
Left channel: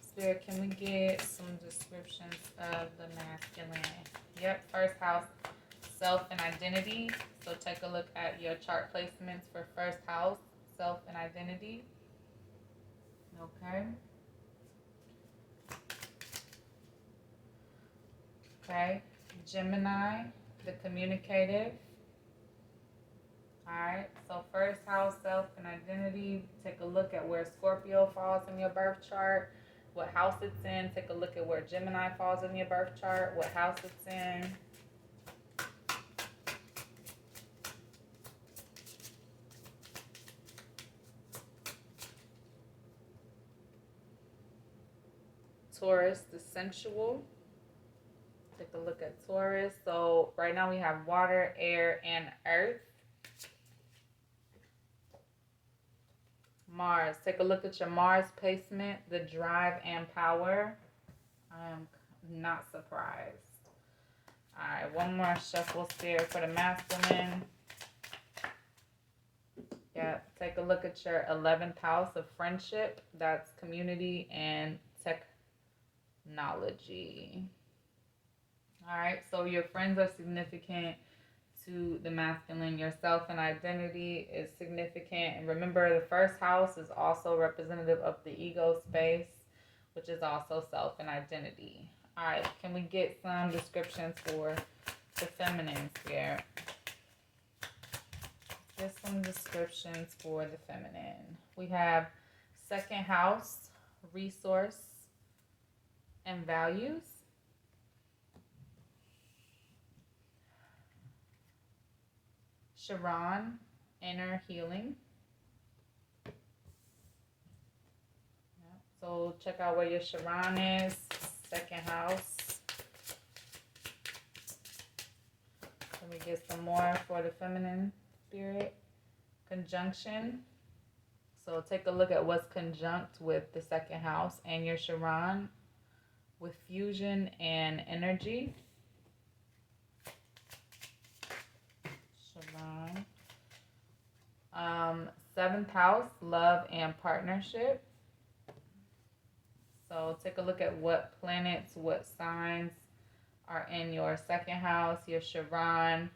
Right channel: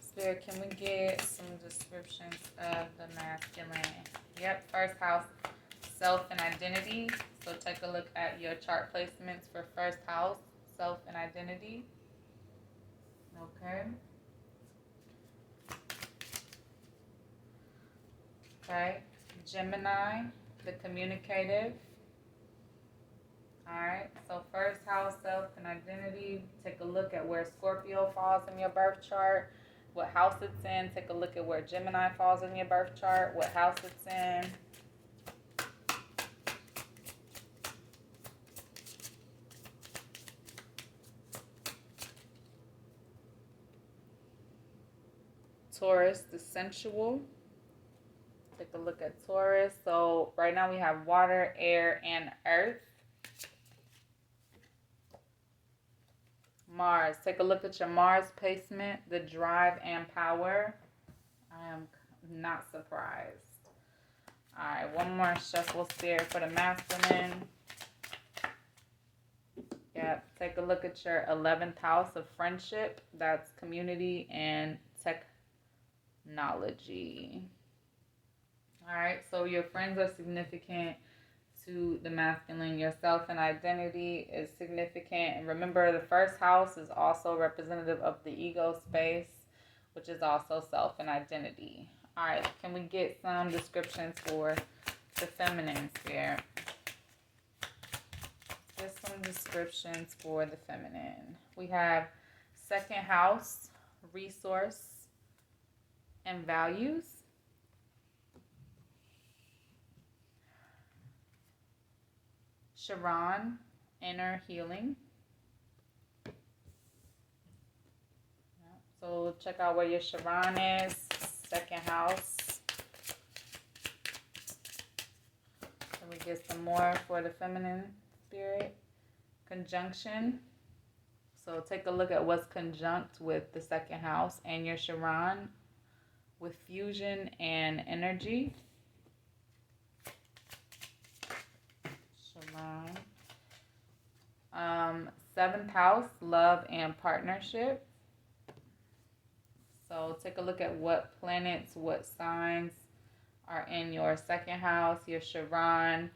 Spirit, can we get some descriptions of the masculine? Yep, first house, self and identity. So take a look at your chart placements for first house, self and identity. Okay. Okay. Gemini, the communicative. Alright, so first house, self and identity. Take a look at where Scorpio falls in your birth chart, what house it's in. Take a look at where Gemini falls in your birth chart, what house it's in. Taurus, the sensual. Take a look at Taurus. So right now we have water, air, and earth. Mars. Take a look at your Mars placement, the drive and power. I am not surprised. All right, one more shuffle, Spirit, for the masculine. Yep, take a look at your 11th house of friendship. That's community and technology. All right, so your friends are significant to the masculine. Yourself and identity is significant. And remember, the first house is also representative of the ego space, which is also self and identity. All right, can we get some descriptions for the feminine, Spirit? Get some descriptions for the feminine. We have second house, resource, and values. Sharon, inner healing. So we'll check out where your Sharon is. Second house. Let me get some more for the feminine, Spirit. Conjunction. So take a look at what's conjunct with the second house and your Sharon with fusion and energy. Sharon. Seventh house, love and partnership. So take a look at what planets, what signs are in your second house, your Sharon,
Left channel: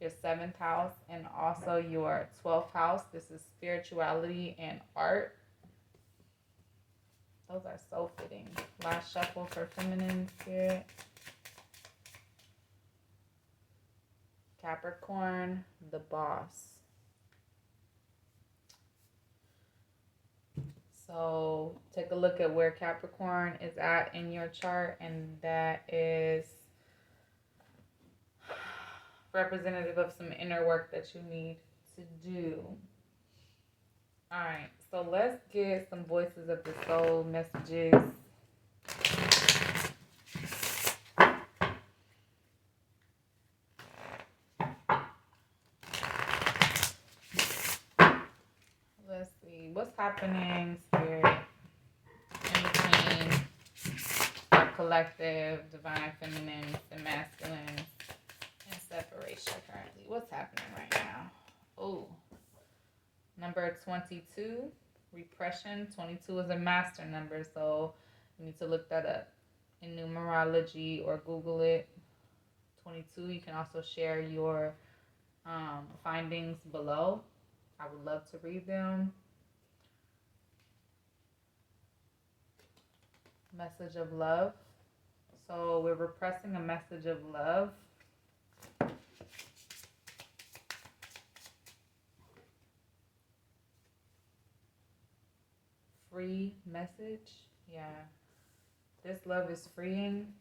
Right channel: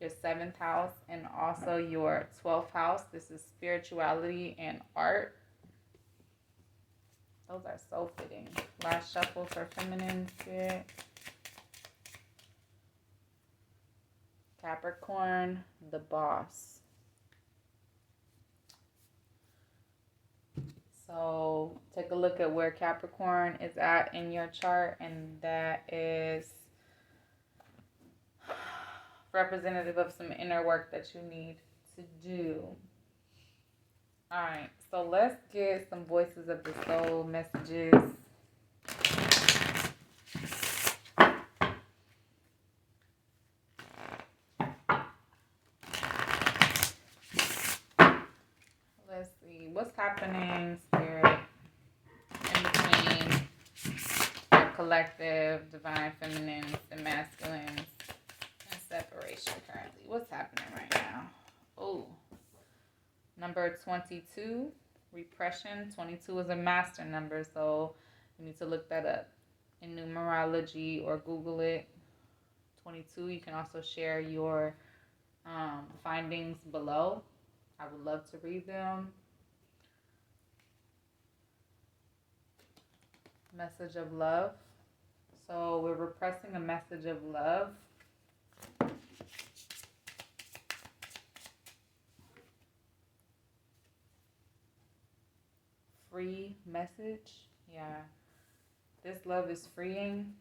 your 7th house, and also your 12th house. This is spirituality and art. Those are so fitting. Last shuffle for feminine, Spirit. Capricorn, the boss. So take a look at where Capricorn is at in your chart, and that is representative of some inner work that you need to do. All right, so let's get some voices of the soul messages. Let's see. What's happening, Spirit, in between our collective, divine feminines and masculines and separation currently? What's happening right now? Oh, number 22, repression. 22 is a master number, so you need to look that up in numerology or Google it. 22, you can also share your findings below. I would love to read them. Message of love. So we're repressing a message of love. Free message. Yeah. This love is freeing.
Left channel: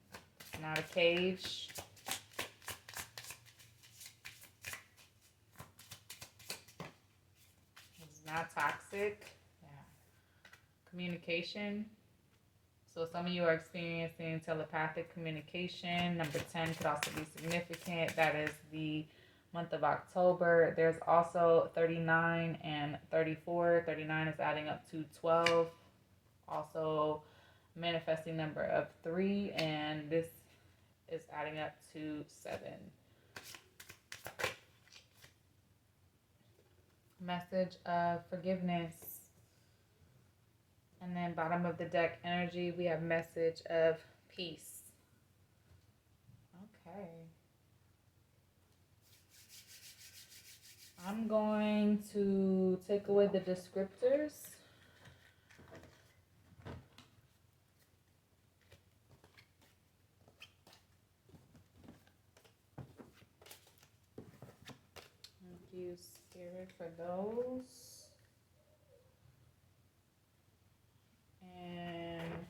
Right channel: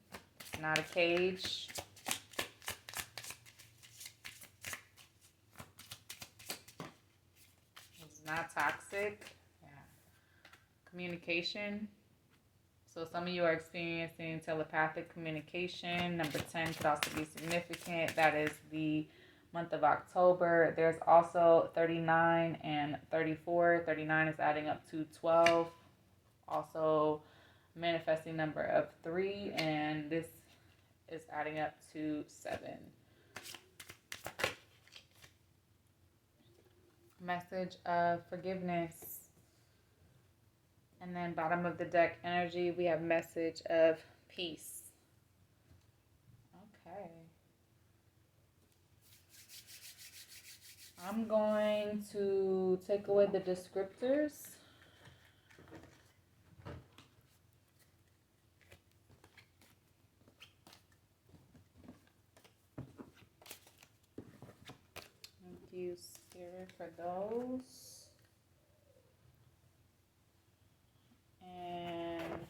It's not a cage. It's not toxic. Yeah. Communication. So some of you are experiencing telepathic communication. Number 10 could also be significant. That is the month of October. There's also 39 and 34. 39 is adding up to 12. Also manifesting number of 3, and this is adding up to 7. Message of forgiveness. And then bottom of the deck energy, we have message of peace. Okay. I'm going to take away the descriptors. Thank you, Spirit, for those. And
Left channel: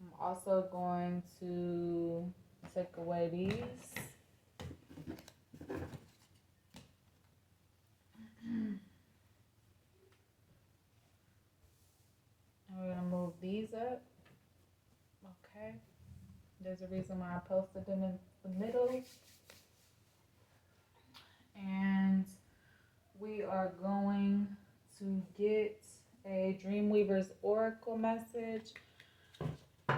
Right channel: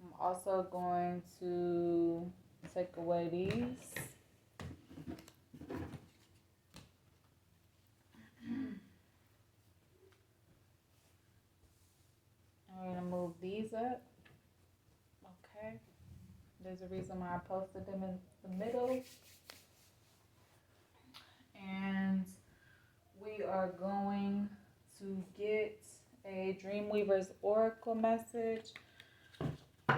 I'm also going to take away these. I'm going to move these up. Okay. There's a reason why I posted them in the middle. And we are going to get a Dreamweaver's Oracle message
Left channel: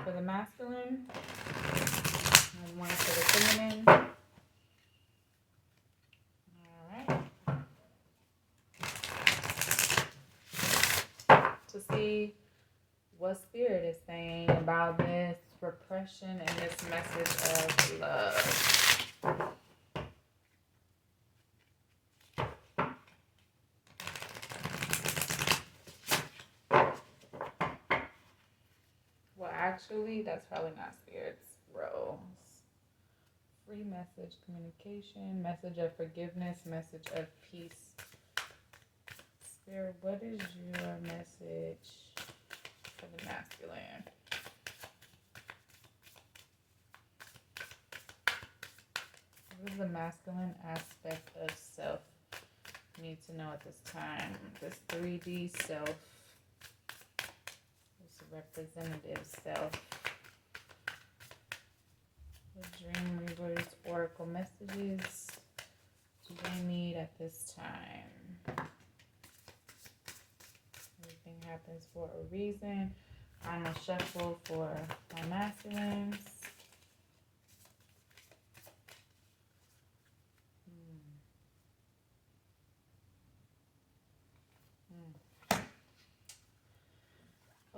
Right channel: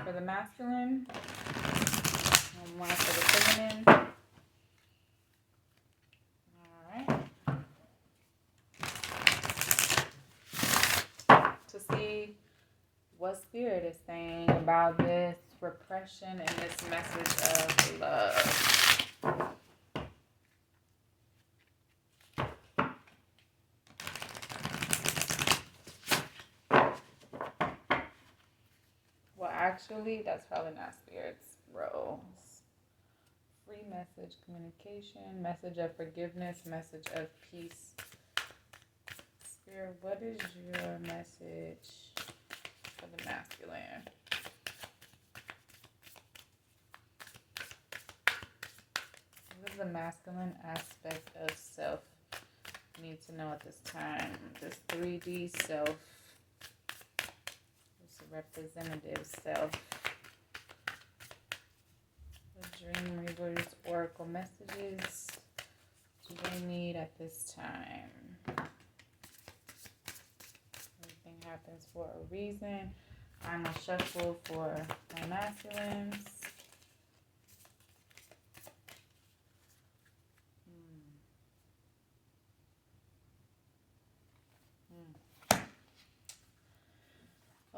for the masculine and one for the feminine. All right. To see what Spirit is saying about this repression and this message of love. Well, actually, that's probably not Spirit's role. Free message, communication, message of forgiveness, message of peace. Spirit, what is your message for the masculine? What is the masculine aspect of self you need to know at this time? This 3D self. This representative self. The Dreamweaver's Oracle messages do they need at this time? Everything happens for a reason. Final shuffle for my masculines.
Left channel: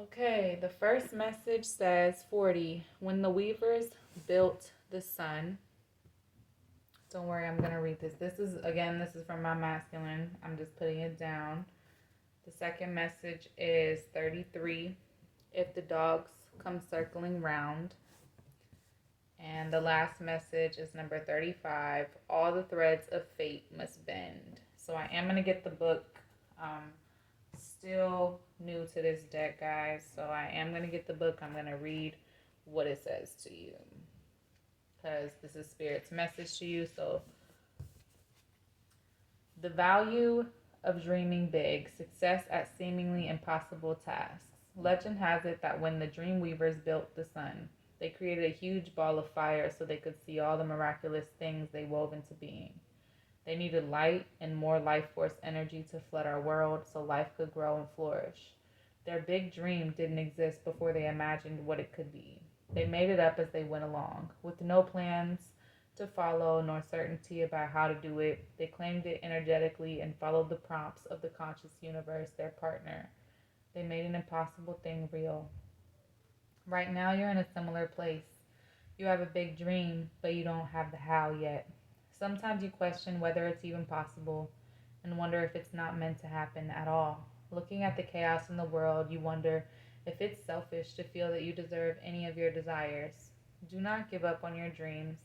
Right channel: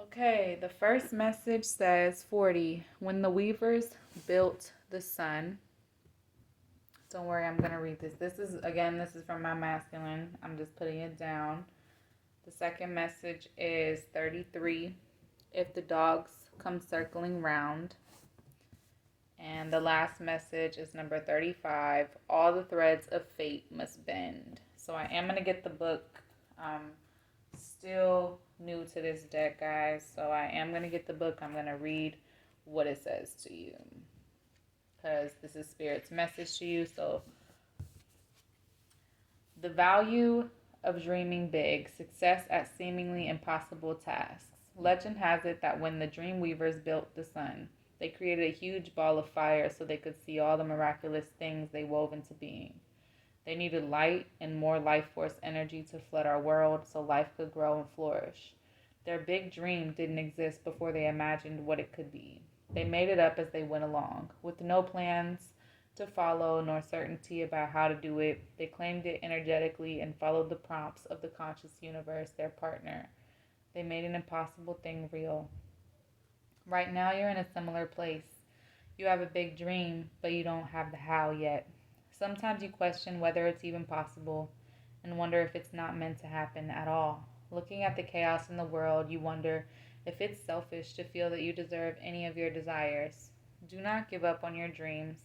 Okay, the first message says 40. When the weavers built the sun. Don't worry, I'm going to read this. This is from my masculine. I'm just putting it down. The second message is 33. If the dogs come circling round. And the last message is number 35. All the threads of fate must bend. So I am going to get the book. Still new to this deck, guys. So I am going to get the book. I'm going to read what it says to you. Because this is Spirit's message to you. So the value of dreaming big. Success at seemingly impossible tasks. Legend has it that when the Dreamweavers built the sun, they created a huge ball of fire so they could see all the miraculous things they wove into being. They needed light and more life force energy to flood our world so life could grow and flourish. Their big dream didn't exist before they imagined what it could be. They made it up as they went along, with no plans to follow nor certainty about how to do it. They claimed it energetically and followed the prompts of the conscious universe, their partner. They made an impossible thing real. Right now, you're in a similar place. You have a big dream, but you don't have the how yet. Sometimes you question whether it's even possible and wonder if it's not meant to happen at all. Looking at the chaos in the world, you wonder if it's selfish to feel that you deserve any of your desires. Do not give up on your dreams.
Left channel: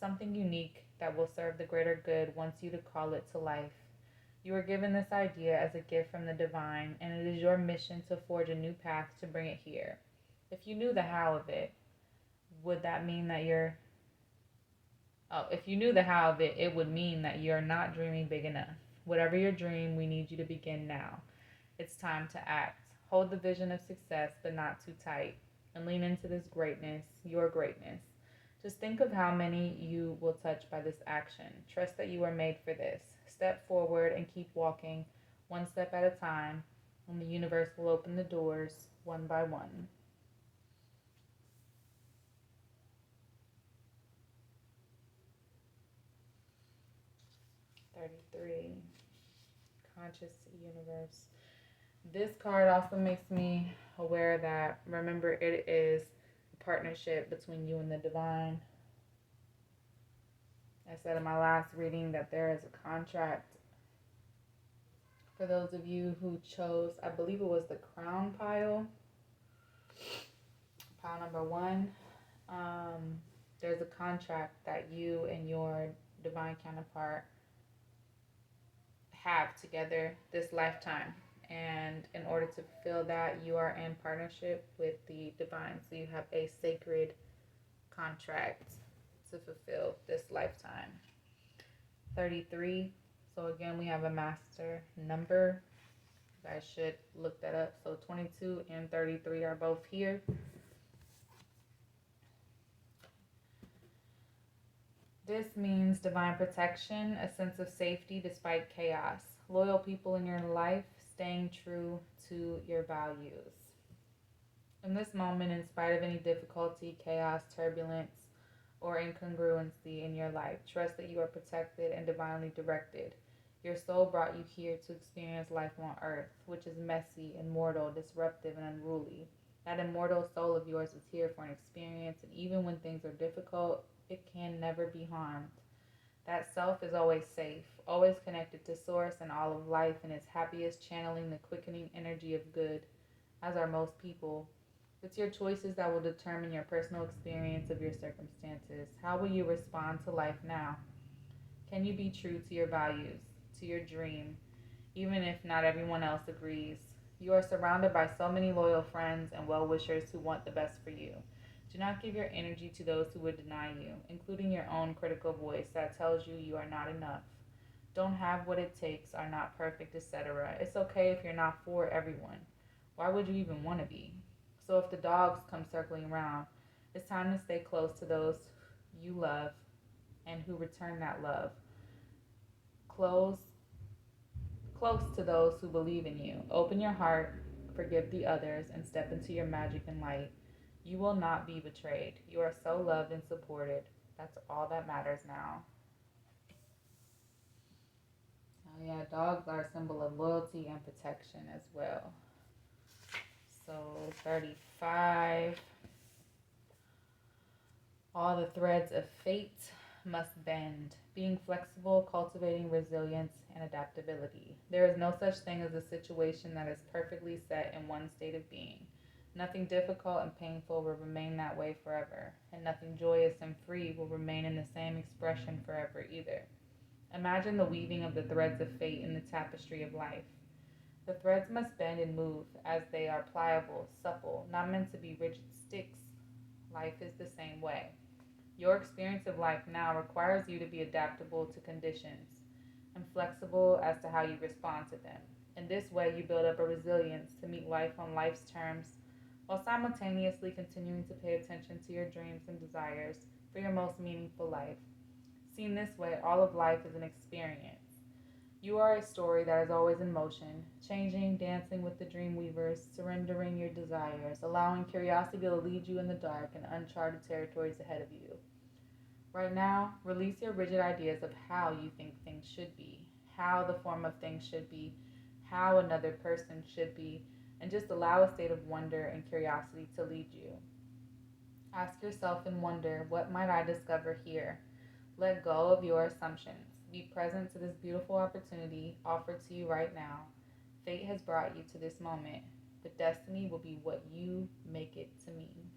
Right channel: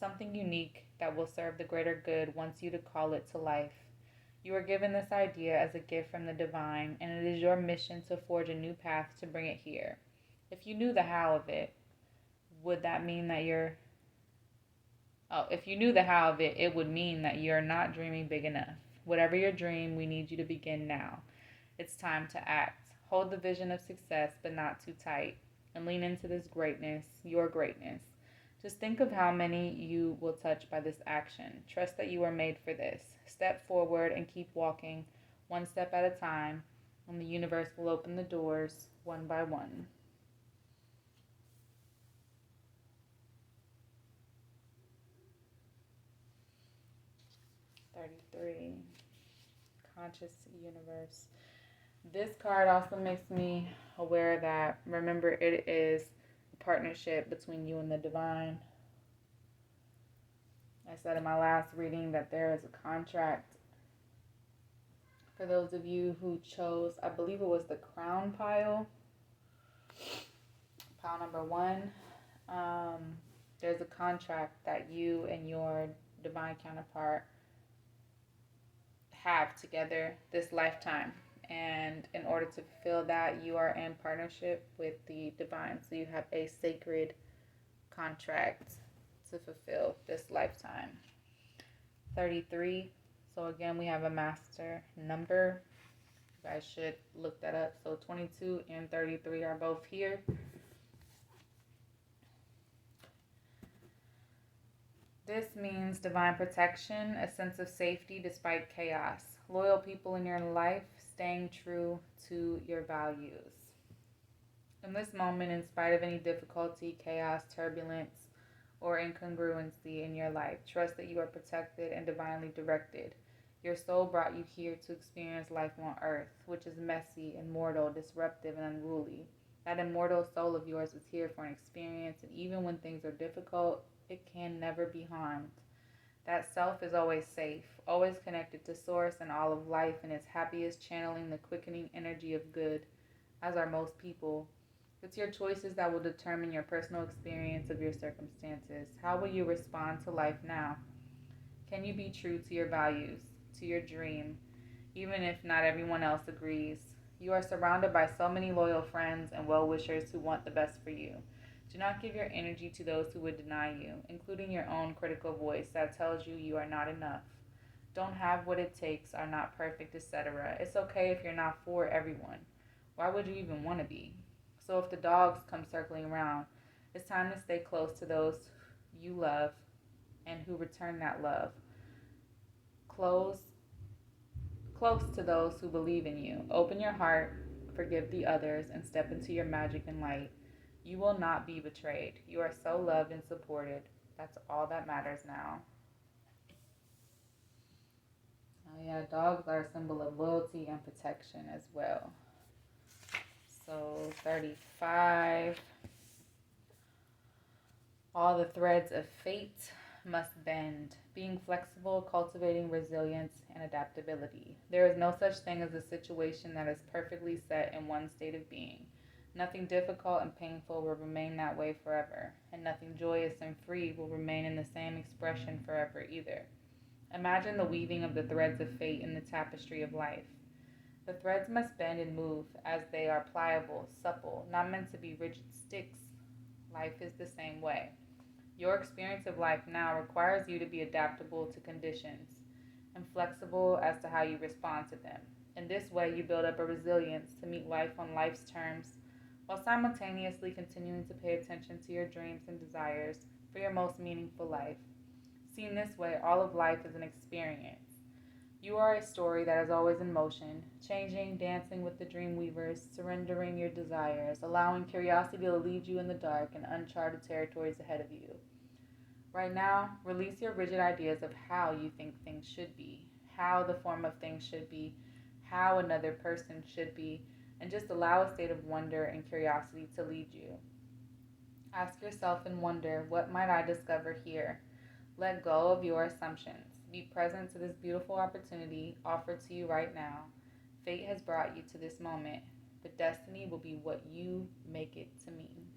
Something unique that will serve the greater good wants you to call it to life. You were given this idea as a gift from the divine, and it is your mission to forge a new path to bring it here. If you knew the how of it, would that mean that you're if you knew the how of it, it would mean that you're not dreaming big enough. Whatever your dream, we need you to begin now. It's time to act. Hold the vision of success, but not too tight, and lean into this greatness, your greatness. Just think of how many you will touch by this action. Trust that you are made for this. Step forward and keep walking, one step at a time, and the universe will open the doors one by one. 33. Conscious universe. This card also makes me aware that, remember, it is a partnership between you and the divine. I said in my last reading that there is a contract. For those of you who chose, I believe it was the crown pile number 1, there's a contract that you and your divine counterpart have together this lifetime. And in order to fulfill that, you are in partnership with the divine. So you have a sacred contract to fulfill this lifetime. 33. So again, we have a master number. You guys should look that up. So 22 and 33 are both here. This means divine protection, a sense of safety despite chaos, loyal people in your life, staying true to your values. In this moment, in spite of any difficulty, chaos, turbulence, or incongruency in your life, trust that you are protected and divinely directed. Your soul brought you here to experience life on earth, which is messy, immortal, disruptive, and unruly. That immortal soul of yours is here for an experience, and even when things are difficult, it can never be harmed. That self is always safe, always connected to source and all of life, and is happiest channeling the quickening energy of good, as are most people. It's your choices that will determine your personal experience of your circumstances. How will you respond to life now? Can you be true to your values, to your dream, even if not everyone else agrees? You are surrounded by so many loyal friends and well-wishers who want the best for you. Do not give your energy to those who would deny you, including your own critical voice that tells you you are not enough, don't have what it takes, are not perfect, etc. It's okay if you're not for everyone. Why would you even want to be? So if the dogs come circling around, it's time to stay close to those you love and who return that love. Close to those who believe in you. Open your heart, forgive the others, and step into your magic and light. You will not be betrayed. You are so loved and supported. That's all that matters now. Oh yeah, dogs are a symbol of loyalty and protection as well. So 35. All the threads of fate must bend. Being flexible, cultivating resilience and adaptability. There is no such thing as a situation that is perfectly set in one state of being. Nothing difficult and painful will remain that way forever, and nothing joyous and free will remain in the same expression forever either. Imagine the weaving of the threads of fate in the tapestry of life. The threads must bend and move as they are pliable, supple, not meant to be rigid sticks. Life is the same way. Your experience of life now requires you to be adaptable to conditions and flexible as to how you respond to them. In this way, you build up a resilience to meet life on life's terms while simultaneously continuing to pay attention to your dreams and desires for your most meaningful life. Seen this way, all of life is an experience. You are a story that is always in motion, changing, dancing with the dream weavers, surrendering your desires, allowing curiosity to lead you in the dark and uncharted territories ahead of you. Right now, release your rigid ideas of how you think things should be, how the form of things should be, how another person should be, and just allow a state of wonder and curiosity to lead you. Ask yourself in wonder, what might I discover here? Let go of your assumptions. Be present to this beautiful opportunity offered to you right now. Fate has brought you to this moment, but destiny will be what you make it to mean.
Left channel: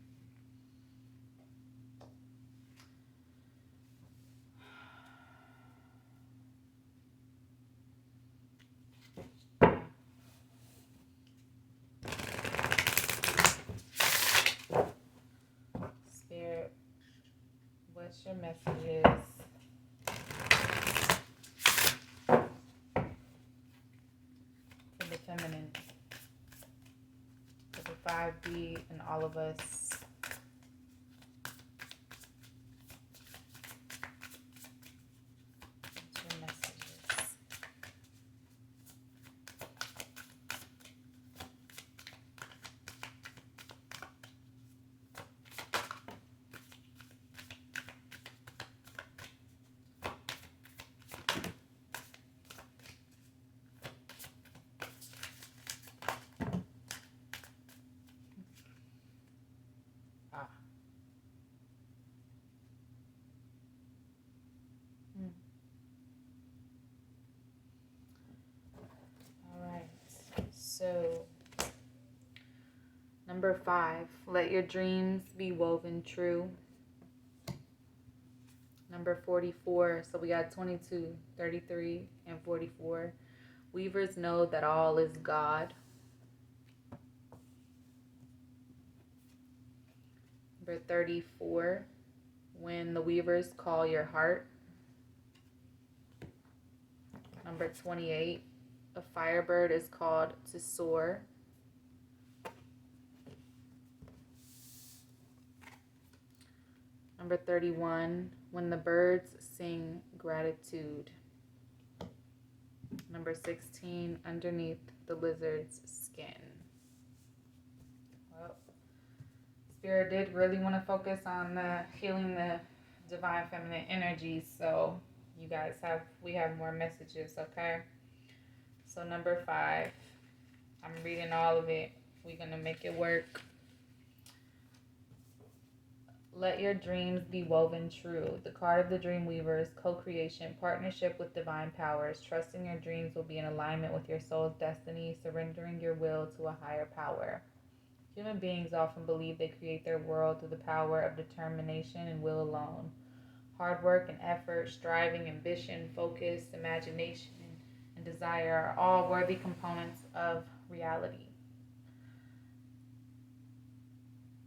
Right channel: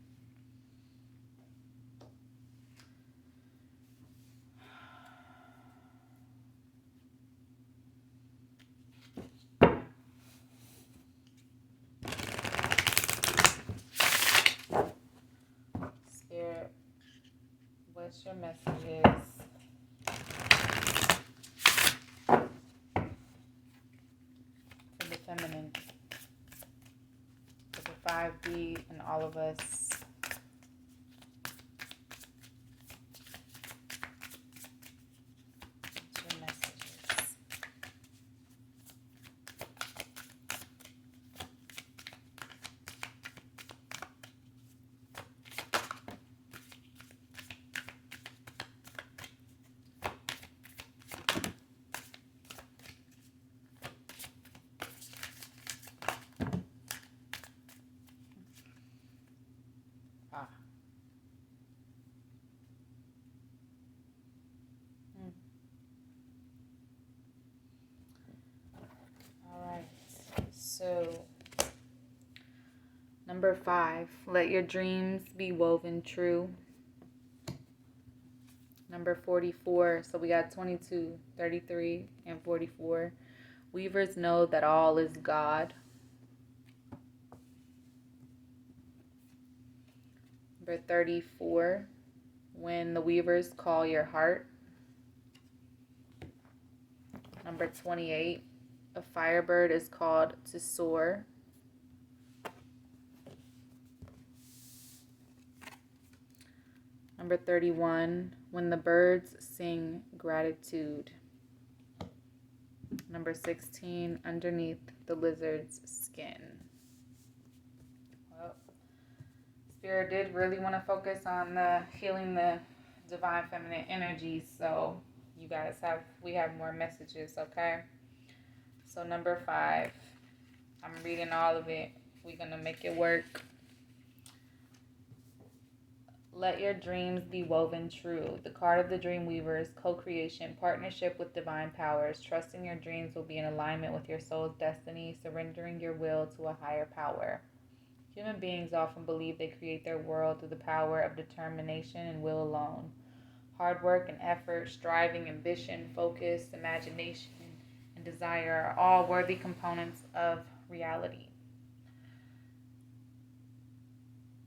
Spirit, what's your messages for the feminine, for the 5D and all of us? What's your messages? Ah. Mm. All right. So, number 5, let your dreams be woven true. Number 44, so we got 22, 33, and 44. Weavers know that all is God. Number 34, when the weavers call your heart. Number 28, a firebird is called to soar. Number 31, when the birds sing gratitude. Number 16, underneath the lizard's skin. Well, Spirit did really want to focus on healing the divine feminine energy, so we have more messages, okay? So number 5, I'm reading all of it. We're going to make it work. Let your dreams be woven true. The card of the dream weaver is co-creation, partnership with divine powers. Trusting your dreams will be in alignment with your soul's destiny, surrendering your will to a higher power. Human beings often believe they create their world through the power of determination and will alone. Hard work and effort, striving, ambition, focus, imagination, and desire are all worthy components of reality.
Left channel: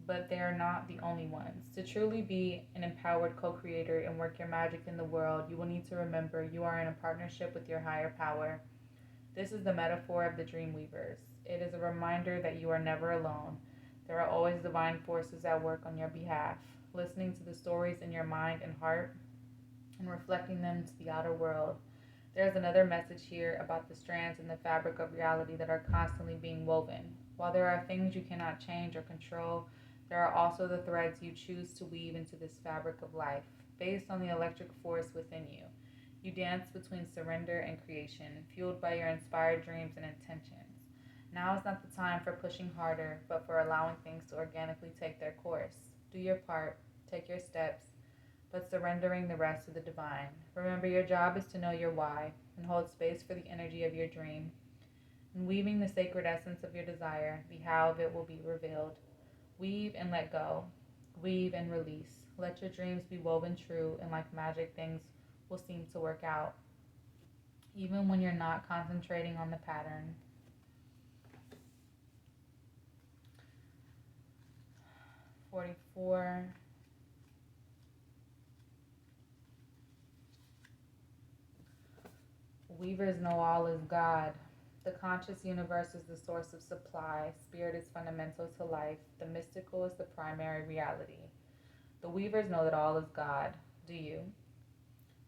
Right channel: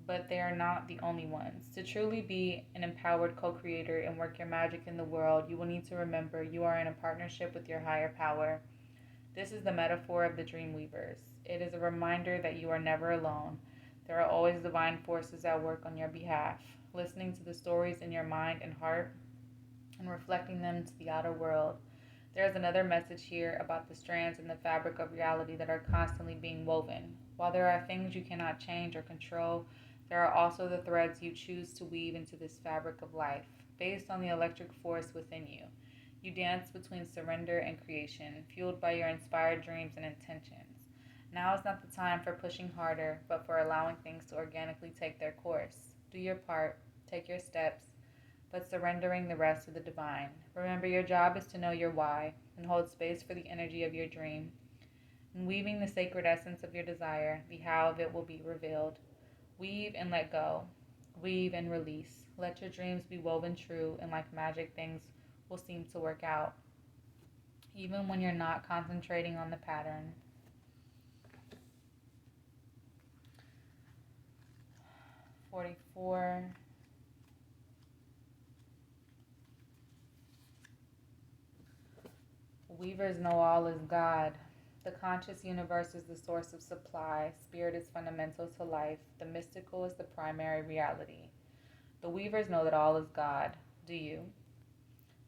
But they are not the only ones. To truly be an empowered co-creator and work your magic in the world, you will need to remember you are in a partnership with your higher power. This is the metaphor of the dream weavers. It is a reminder that you are never alone. There are always divine forces at work on your behalf, listening to the stories in your mind and heart and reflecting them to the outer world. There is another message here about the strands in the fabric of reality that are constantly being woven. While there are things you cannot change or control, there are also the threads you choose to weave into this fabric of life, based on the electric force within you. You dance between surrender and creation, fueled by your inspired dreams and intentions. Now is not the time for pushing harder, but for allowing things to organically take their course. Do your part, take your steps, but surrendering the rest to the divine. Remember, your job is to know your why and hold space for the energy of your dream. In weaving the sacred essence of your desire, the how of it will be revealed. Weave and let go. Weave and release. Let your dreams be woven true, and like magic, things will seem to work out, even when you're not concentrating on the pattern. 44. Weavers know all is God. The conscious universe is the source of supply. Spirit is fundamental to life. The mystical is the primary reality. The weavers know that all is God. Do you?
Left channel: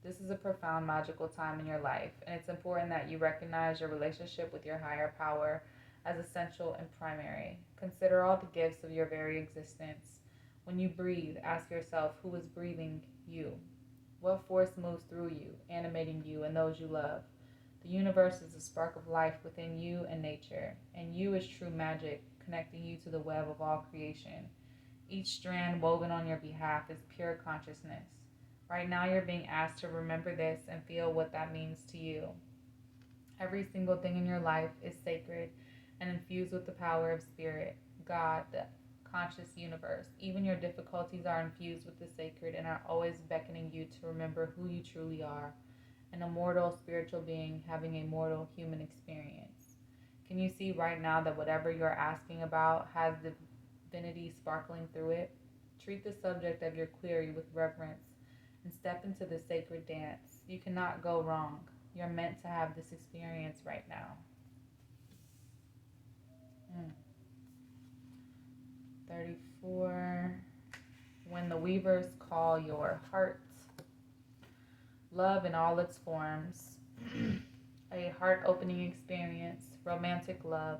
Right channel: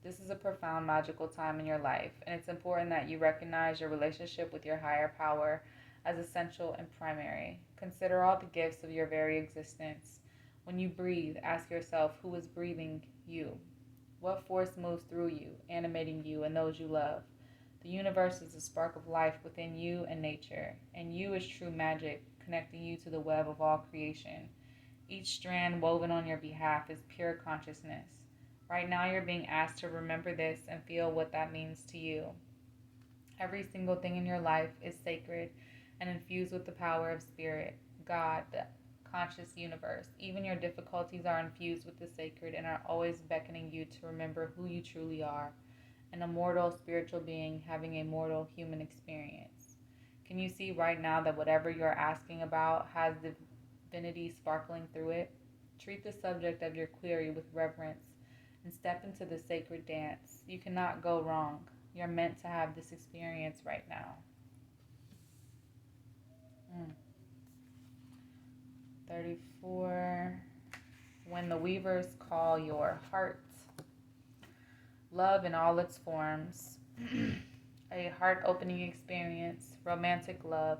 This is a profound, magical time in your life, and it's important that you recognize your relationship with your higher power as essential and primary. Consider all the gifts of your very existence. When you breathe, ask yourself who is breathing you. What force moves through you, animating you and those you love? The universe is a spark of life within you and nature, and you is true magic, connecting you to the web of all creation. Each strand woven on your behalf is pure consciousness. Right now, you're being asked to remember this and feel what that means to you. Every single thing in your life is sacred and infused with the power of spirit, God, the conscious universe. Even your difficulties are infused with the sacred and are always beckoning you to remember who you truly are, an immortal spiritual being having a mortal human experience. Can you see right now that whatever you're asking about has divinity sparkling through it? Treat the subject of your query with reverence and step into the sacred dance. You cannot go wrong. You're meant to have this experience right now. 34. When the weavers call your heart, love in all its forms, a heart opening experience, romantic love,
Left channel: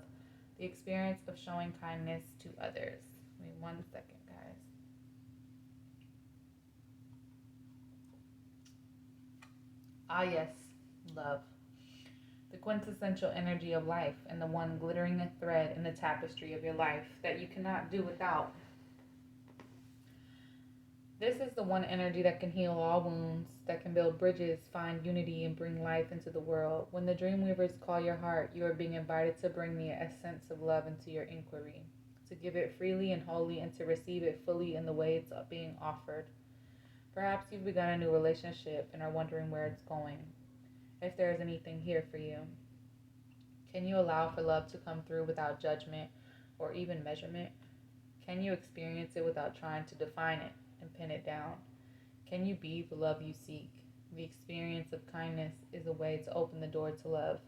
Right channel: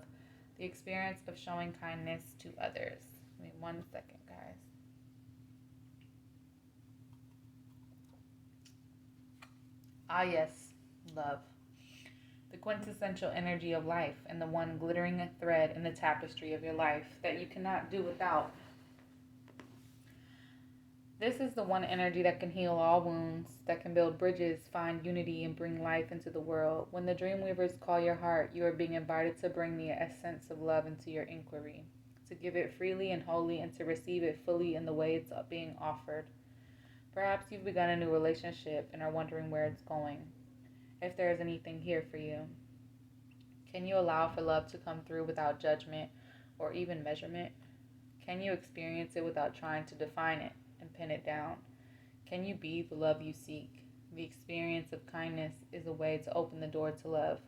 the experience of showing kindness to others. Give me 1 second, guys. Ah, yes, love. The quintessential energy of life and the one glittering a thread in the tapestry of your life that you cannot do without. This is the one energy that can heal all wounds, that can build bridges, find unity, and bring life into the world. When the Dreamweavers call your heart, you are being invited to bring the essence of love into your inquiry, to give it freely and wholly, and to receive it fully in the way it's being offered. Perhaps you've begun a new relationship and are wondering where it's going, if there is anything here for you. Can you allow for love to come through without judgment or even measurement? Can you experience it without trying to define it and pin it down? Can you be the love you seek? The experience of kindness is a way to open the door to love.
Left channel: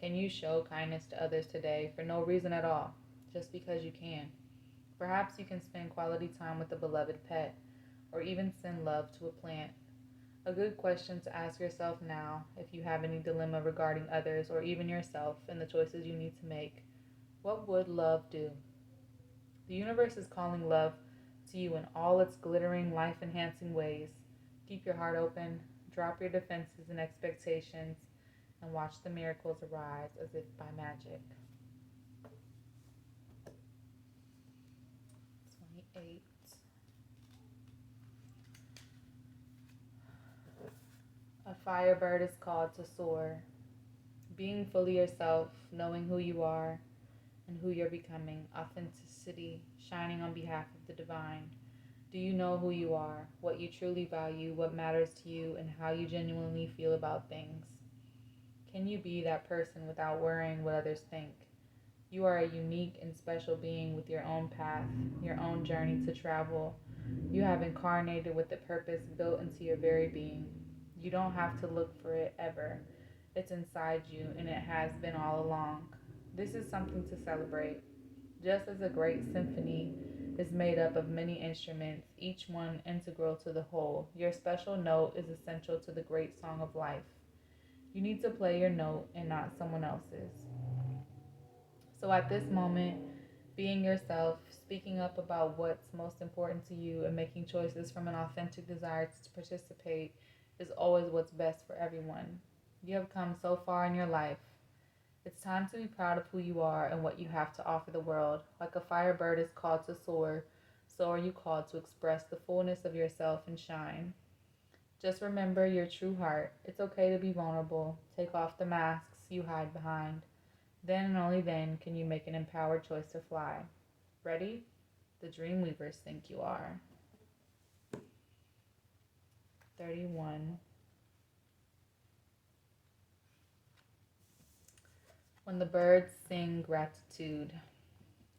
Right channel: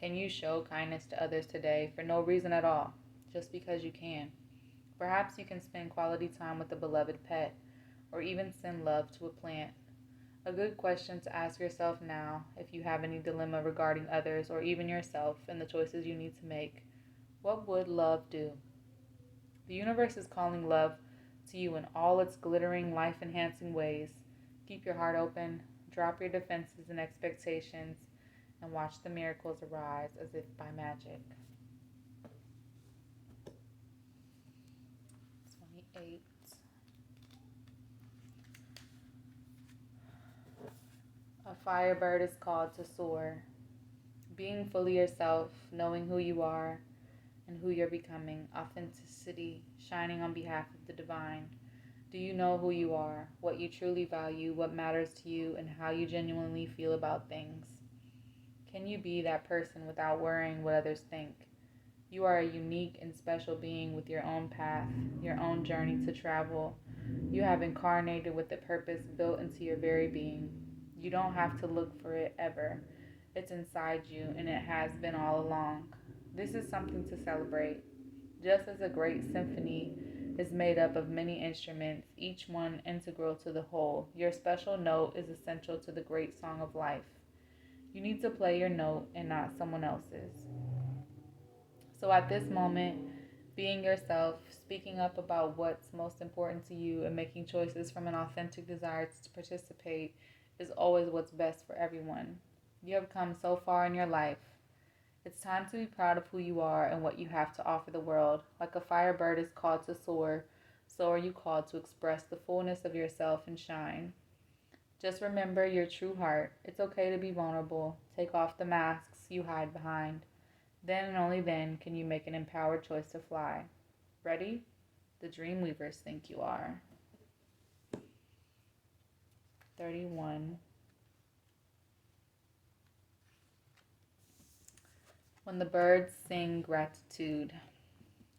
Can you show kindness to others today for no reason at all, just because you can? Perhaps you can spend quality time with a beloved pet, or even send love to a plant. A good question to ask yourself now, if you have any dilemma regarding others or even yourself and the choices you need to make: what would love do? The universe is calling love to you in all its glittering, life-enhancing ways. Keep your heart open, drop your defenses and expectations, and watch the miracles arise as if by magic. 28. A firebird is called to soar. Being fully yourself, knowing who you are and who you're becoming, authenticity, shining on behalf of the divine. Do you know who you are, what you truly value, what matters to you, and how you genuinely feel about things? Can you be that person without worrying what others think? You are a unique and special being with your own path, your own journey to travel. You have incarnated with a purpose built into your very being. You don't have to look for it ever. It's inside you, and it has been all along. This is something to celebrate. Just as a great symphony is made up of many instruments, each one integral to the whole, your special note is essential to the great song of life. You need to play your note and not someone else's. So at this moment, being yourself, speaking up about what's most important to you, and making choices from an authentic desire to participate is always what's best for everyone. You have come so far in your life. It's time to be proud of who you are and what you have to offer the world. Like a firebird is called to soar, so are you called to express the fullness of yourself and shine. Just remember your true heart. It's okay to be vulnerable. Take off the masks you hide behind. Then and only then can you make an empowered choice to fly. Ready? The Dreamweavers think you are. 31. When the birds sing gratitude.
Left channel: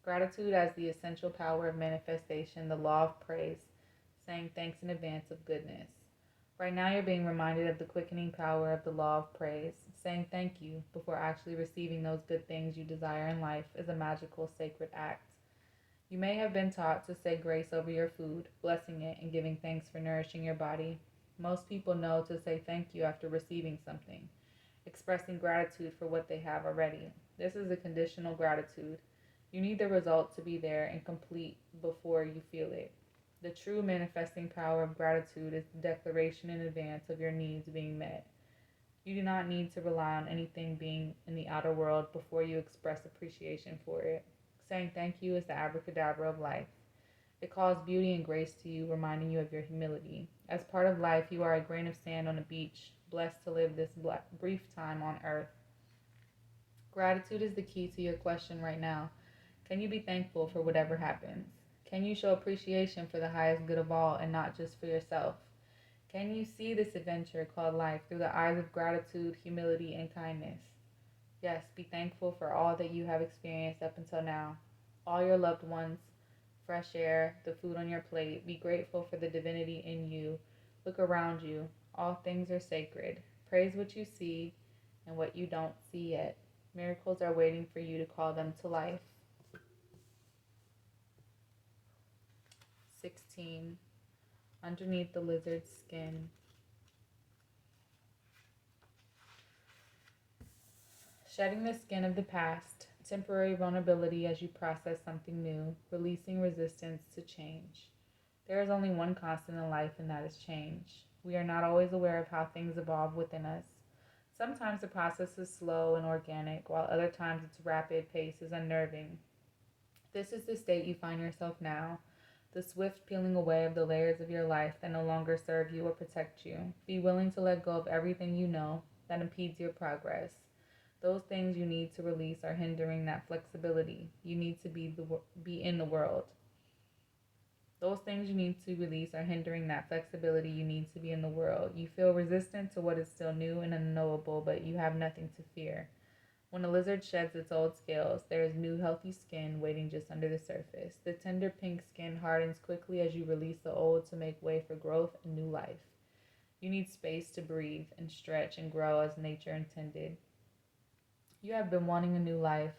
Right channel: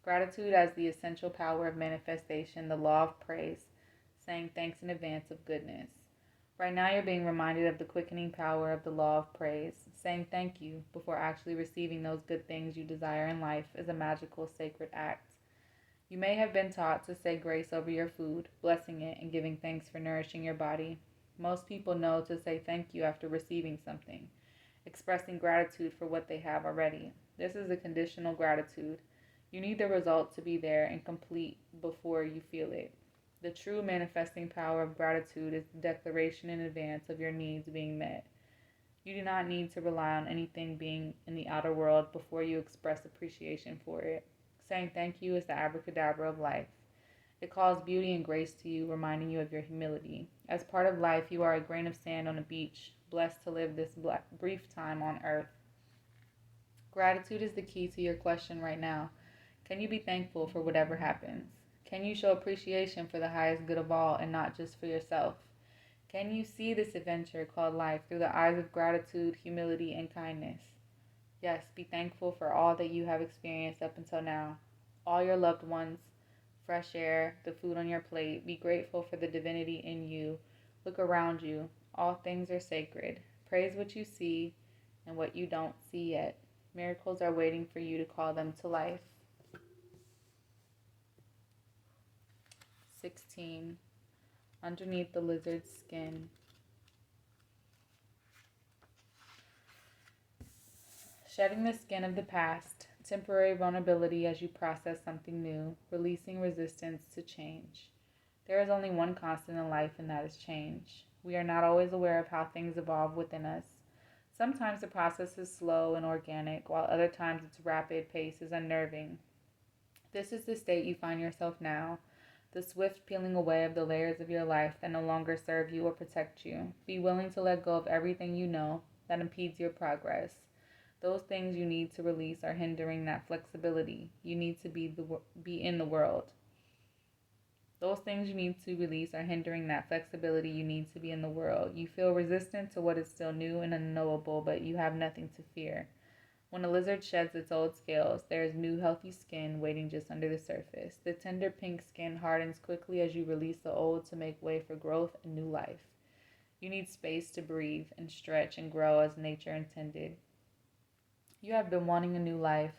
Gratitude as the essential power of manifestation, the law of praise, saying thanks in advance of goodness. Right now, you're being reminded of the quickening power of the law of praise. Saying thank you before actually receiving those good things you desire in life is a magical, sacred act. You may have been taught to say grace over your food, blessing it and giving thanks for nourishing your body. Most people know to say thank you after receiving something, expressing gratitude for what they have already. This is a conditional gratitude. You need the result to be there and complete before you feel it. The true manifesting power of gratitude is the declaration in advance of your needs being met. You do not need to rely on anything being in the outer world before you express appreciation for it. Saying thank you is the abracadabra of life. It calls beauty and grace to you, reminding you of your humility. As part of life, you are a grain of sand on a beach, blessed to live this brief time on earth. Gratitude is the key to your question right now. Can you be thankful for whatever happens? Can you show appreciation for the highest good of all and not just for yourself? Can you see this adventure called life through the eyes of gratitude, humility, and kindness? Yes, be thankful for all that you have experienced up until now. All your loved ones, fresh air, the food on your plate. Be grateful for the divinity in you. Look around you. All things are sacred. Praise what you see and what you don't see yet. Miracles are waiting for you to call them to life. 16. Underneath the lizard's skin. Shedding the skin of the past, temporary vulnerability as you process something new, releasing resistance to change. There is only one constant in life, and that is change. We are not always aware of how things evolve within us. Sometimes the process is slow and organic, while other times its rapid pace is unnerving. This is the state you find yourself now, the swift peeling away of the layers of your life that no longer serve you or protect you. Be willing to let go of everything you know that impedes your progress. Those things you need to release are hindering that flexibility. You need to be in the world. Those things you need to release are hindering that flexibility you need to be in the world. You feel resistant to what is still new and unknowable, but you have nothing to fear. When a lizard sheds its old scales, there is new healthy skin waiting just under the surface. The tender pink skin hardens quickly as you release the old to make way for growth and new life. You need space to breathe and stretch and grow as nature intended. You have been wanting a new life,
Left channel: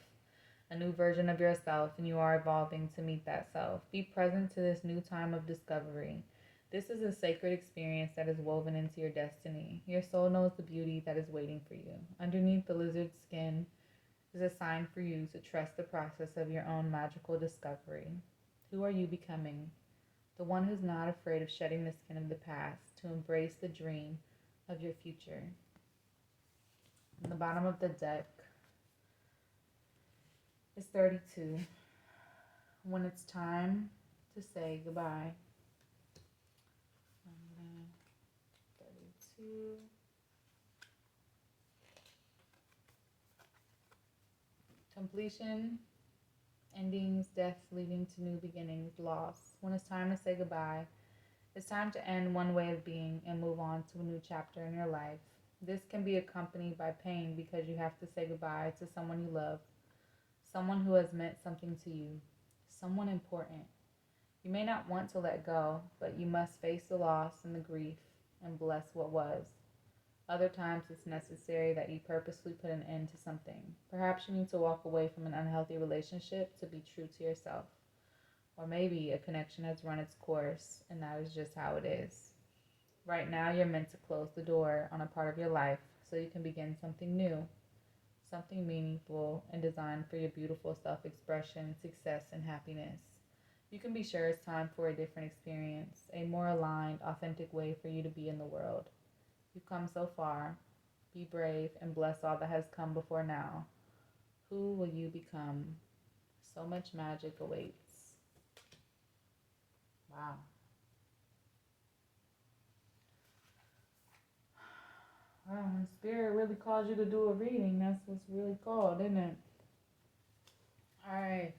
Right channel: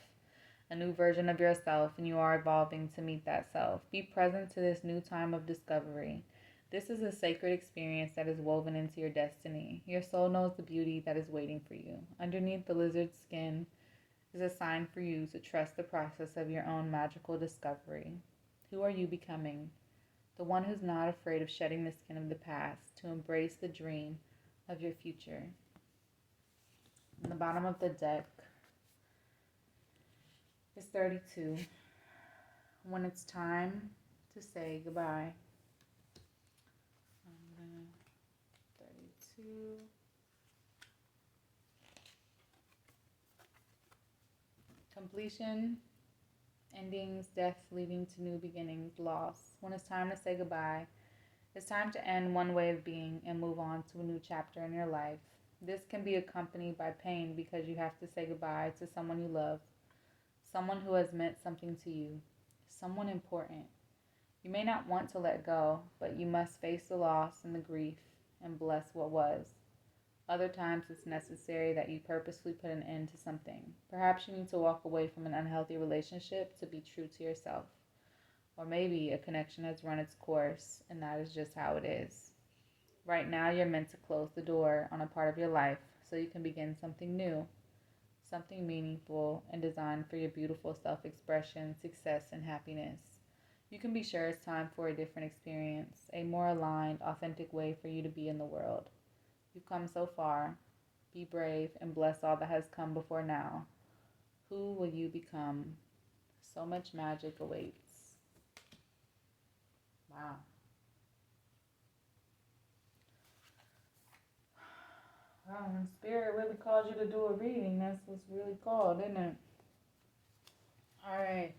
a new version of yourself, and you are evolving to meet that self. Be present to this new time of discovery. This is a sacred experience that is woven into your destiny. Your soul knows the beauty that is waiting for you. Underneath the lizard's skin is a sign for you to trust the process of your own magical discovery. Who are you becoming? The one who's not afraid of shedding the skin of the past to embrace the dream of your future. On the bottom of the deck is 32. When it's time to say goodbye. 32. Completion, endings, death leading to new beginnings, loss. When it's time to say goodbye, it's time to end one way of being and move on to a new chapter in your life. This can be accompanied by pain because you have to say goodbye to someone you love, someone who has meant something to you, someone important. You may not want to let go, but you must face the loss and the grief and bless what was. Other times it's necessary that you purposely put an end to something. Perhaps you need to walk away from an unhealthy relationship to be true to yourself. Or maybe a connection has run its course, and that is just how it is. Right now you're meant to close the door on a part of your life so you can begin something new, something meaningful and designed for your beautiful self-expression, success, and happiness. You can be sure it's time for a different experience, a more aligned, authentic way for you to be in the world. You've come so far. Be brave and bless all that has come before now. Who will you become? So much magic awaits. Wow. Wow, when Spirit really calls you to do a reading, that's what's really called, isn't it? Alright.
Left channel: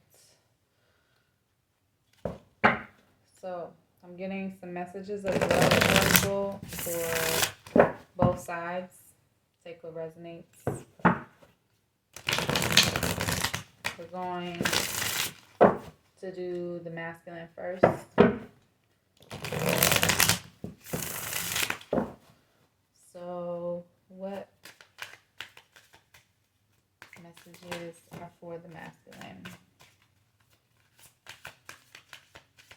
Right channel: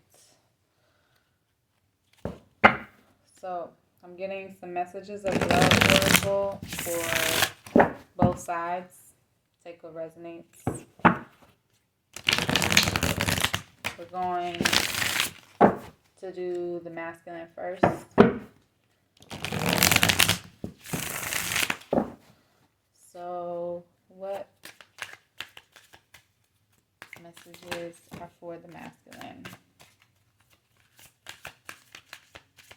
So, I'm getting some messages of love available for both sides. Take what resonates. We're going to do the masculine first. So, what messages are for the masculine?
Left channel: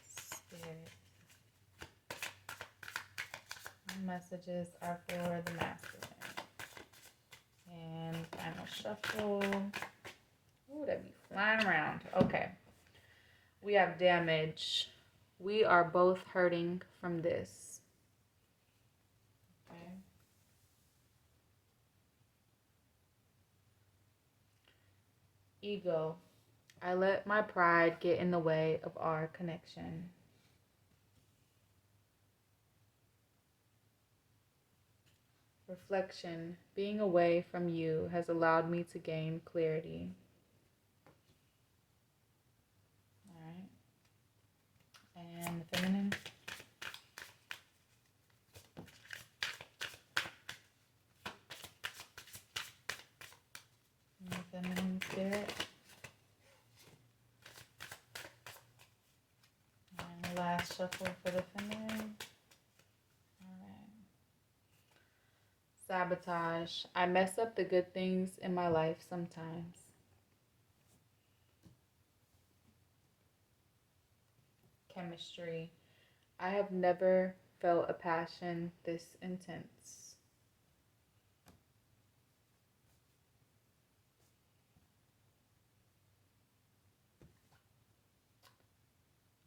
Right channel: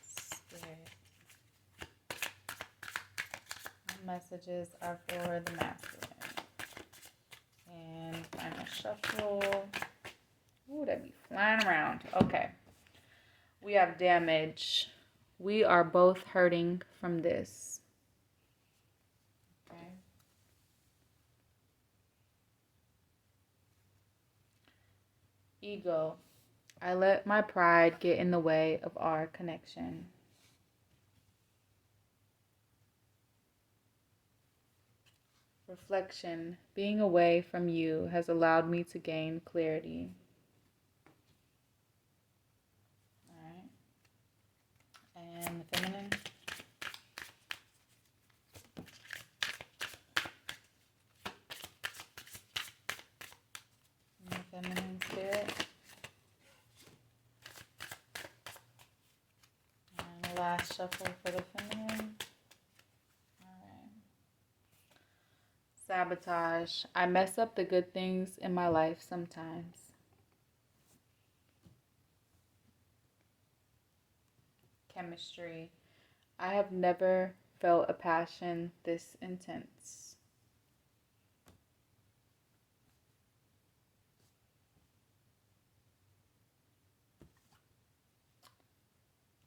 Spirit. What messages are for the masculine. And final shuffle. Ooh, that be flying around. Okay. We have damage. We are both hurting from this. Okay. Ego. I let my pride get in the way of our connection. Reflection. Being away from you has allowed me to gain clarity. All right. And the feminine. And the feminine spirit. And the last shuffle for the feminine. Sabotage. I mess up the good things in my life sometimes. Chemistry. I have never felt a passion this intense.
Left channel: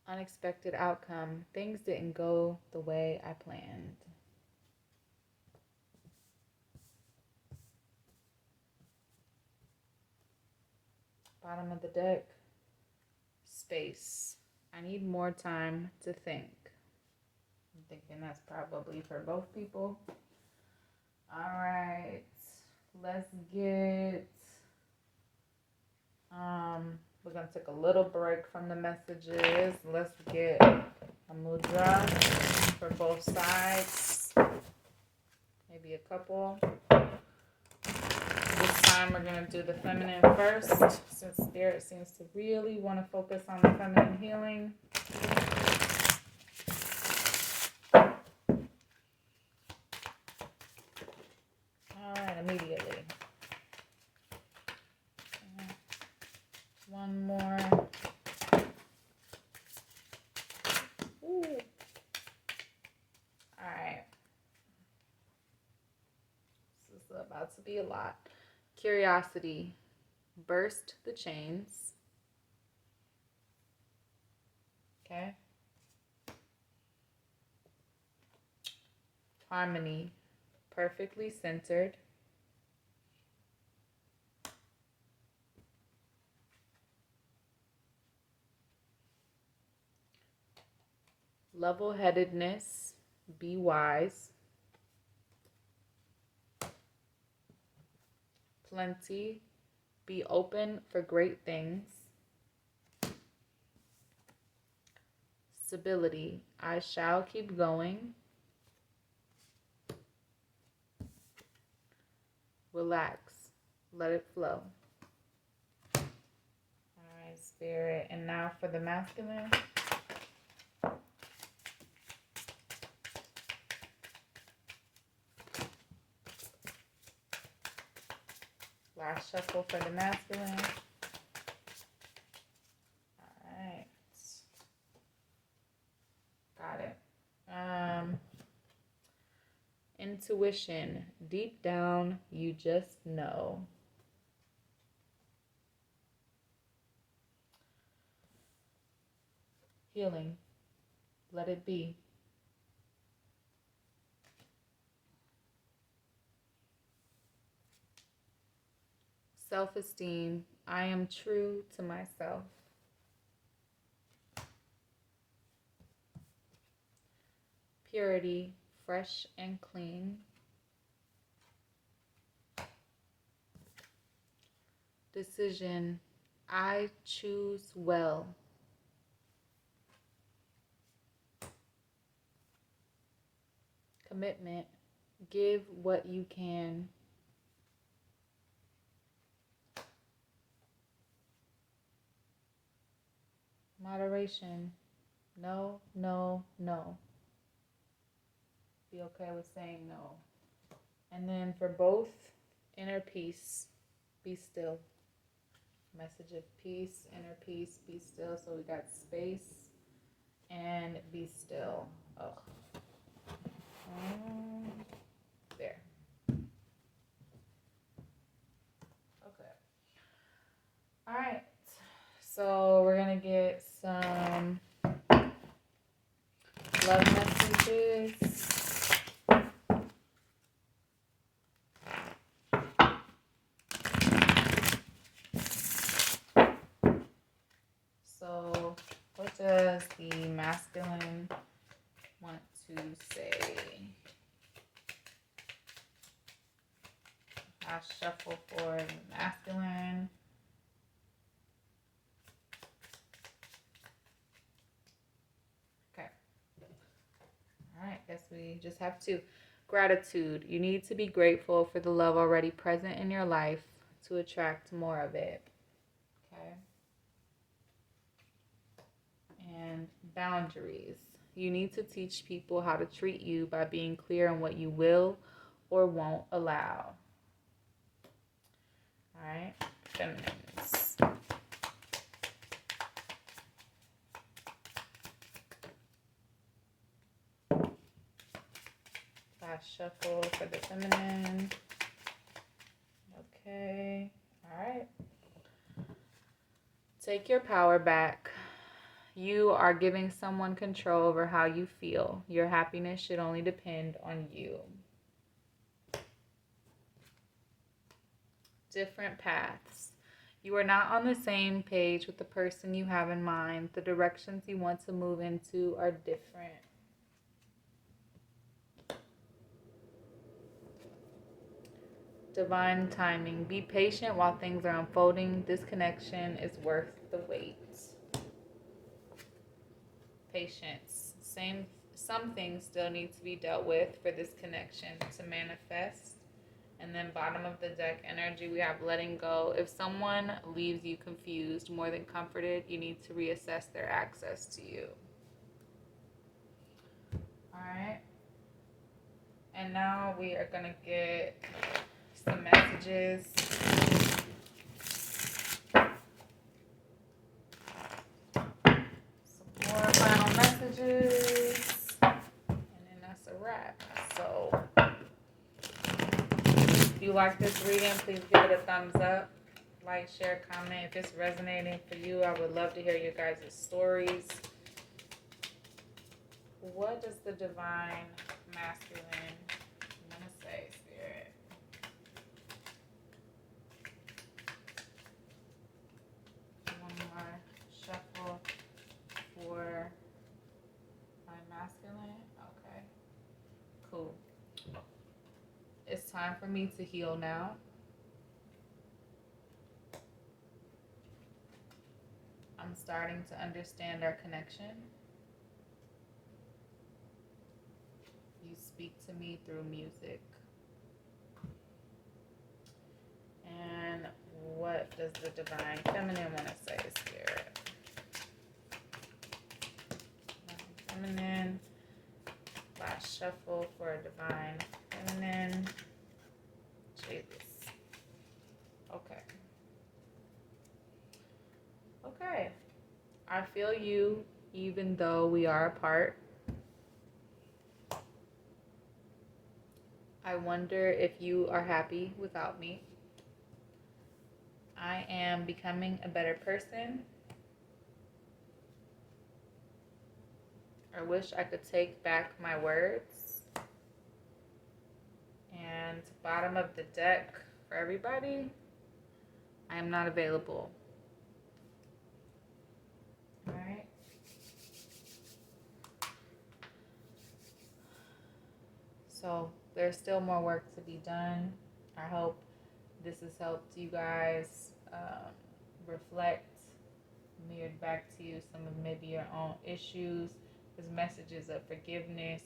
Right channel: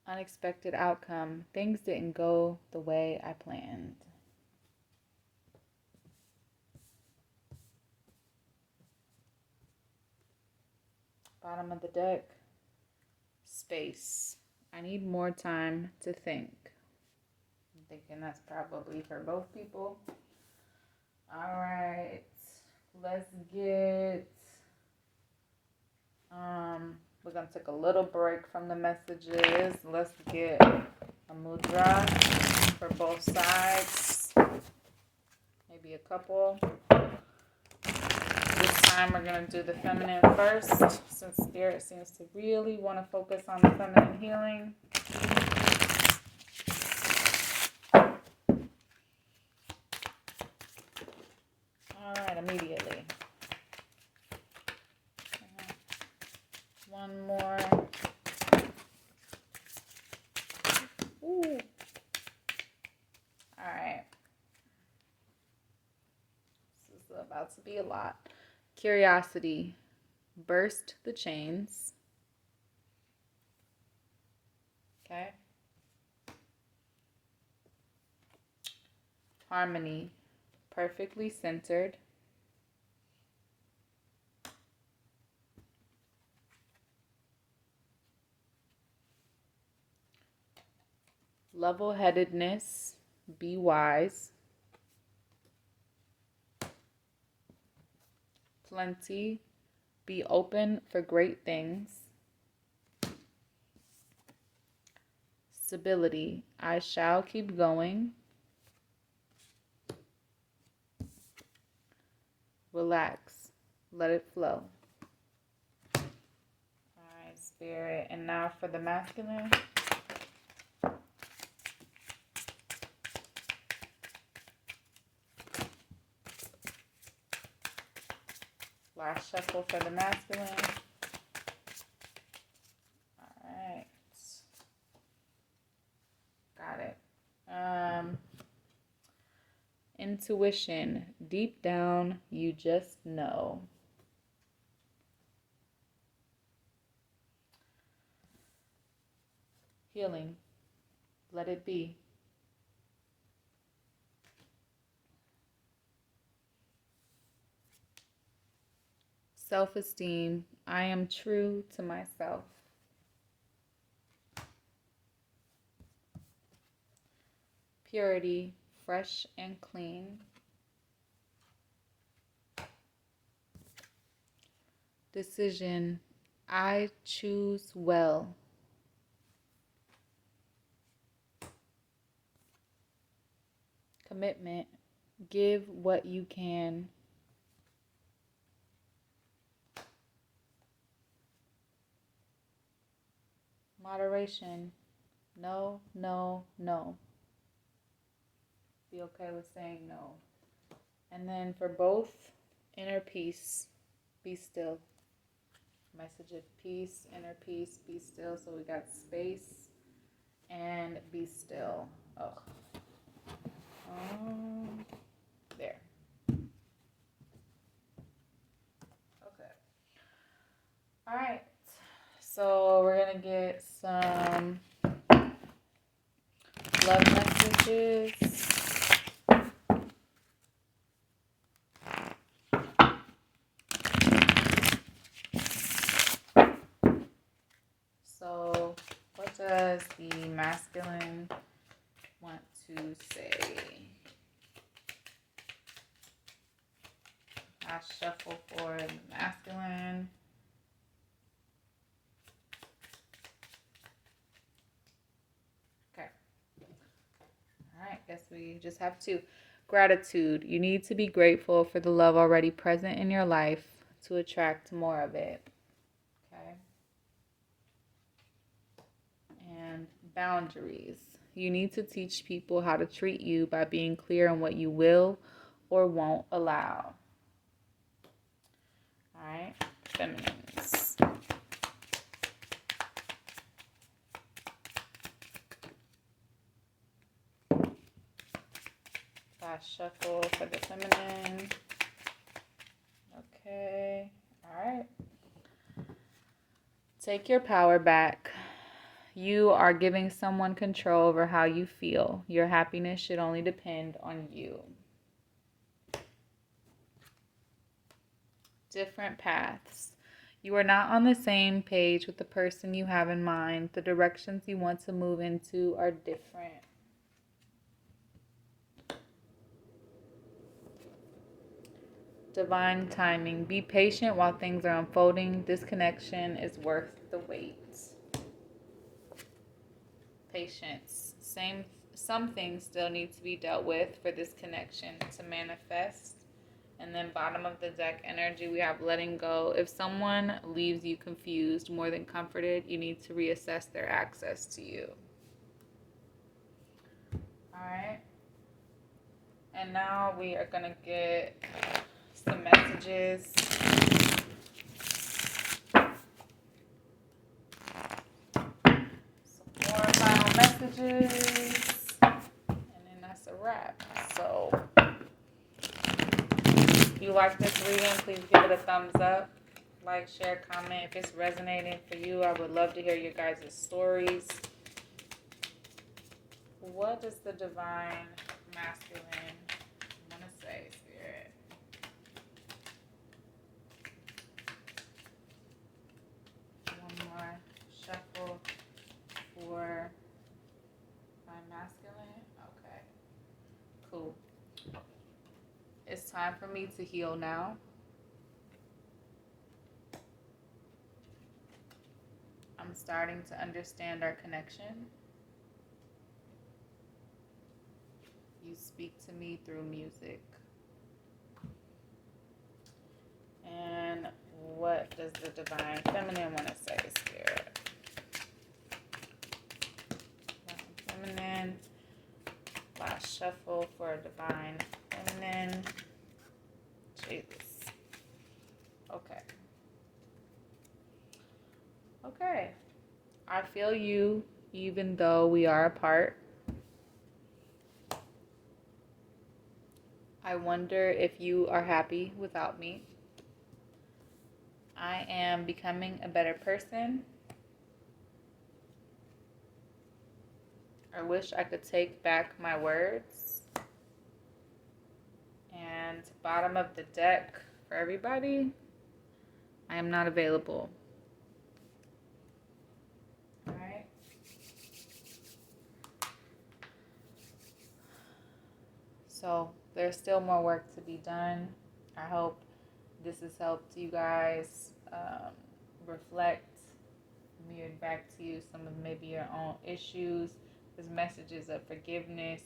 Unexpected outcome. Things didn't go the way I planned. Bottom of the deck. Space. I need more time to think. I'm thinking that's probably for both people. All right. Let's get... we're going to take a little break from the messages. Let's get a mudra for both sides. Maybe a couple. This time we're going to do the feminine first, since Spirit seems to really want to focus on the feminine healing. All right, immediately. One more. Ooh. All right. This is about to be a lot. Curiosity. Burst the chains. Okay. Harmony. Perfectly centered. Level-headedness. Be wise. Plenty. Be open for great things. Stability. I shall keep going. Relax. Let it flow. All right, Spirit. And now for the masculine. Last shuffle for the masculine. All right. Got it. Intuition. Deep down, you just know. Healing. Let it be. Self-esteem. I am true to myself. Purity. Fresh and clean. Decision. I choose well. Commitment. Give what you can. Moderation. No, no, no. Be okay with saying no. And then for both, inner peace, be still. Message of peace, inner peace, be still. So we got space and be still. Oh. So what does the masculine want to say? I shuffle for the masculine. Okay. All right, guess we just have two. Gratitude. You need to be grateful for the love already present in your life to attract more of it. Okay. And boundaries. You need to teach people how to treat you by being clear on what you will or won't allow. All right, feminines. Last shuffle for the feminine. Okay, all right. Take your power back. You are giving someone control over how you feel. Your happiness should only depend on you. Different paths. You are not on the same page with the person you have in mind. The directions you want to move into are different. Divine timing. Be patient while things are unfolding. This connection is worth the wait. Patience. Some things still need to be dealt with for this connection to manifest. And then bottom of the deck energy, we have letting go. If someone leaves you confused more than comforted, you need to reassess their access to you. All right. And now we are going to get some messages. Some more final messages. And then that's a wrap. So if you like this reading, please give it a thumbs up. Like, share, comment. If it's resonating for you, I would love to hear your guys' stories. What does the divine masculine want to say, Spirit? One more shuffle for my masculine. Okay, cool. It's time for me to heal now. I'm starting to understand our connection. You speak to me through music. And what does the divine feminine want to say, Spirit? Feminine. Last shuffle for divine feminine. Jesus. Okay. Okay. I feel you even though we are apart. I wonder if you are happy without me. I am becoming a better person. I wish I could take back my words. And bottom of the deck for everybody, I am not available. All right. So there's still more work to be done. I hope this has helped you guys reflect, mirrored back to you some of maybe your own issues. There's messages of forgiveness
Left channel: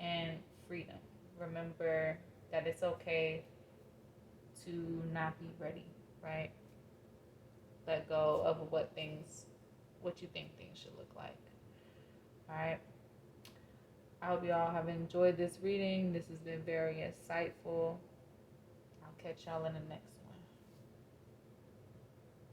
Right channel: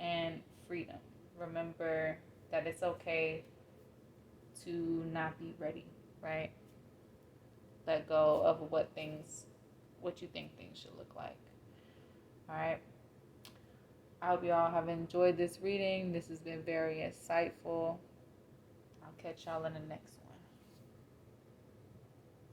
and freedom. Remember that it's okay to not be ready, right? Let go of what you think things should look like. All right. I hope you all have enjoyed this reading. This has been very insightful. I'll catch y'all in the next one.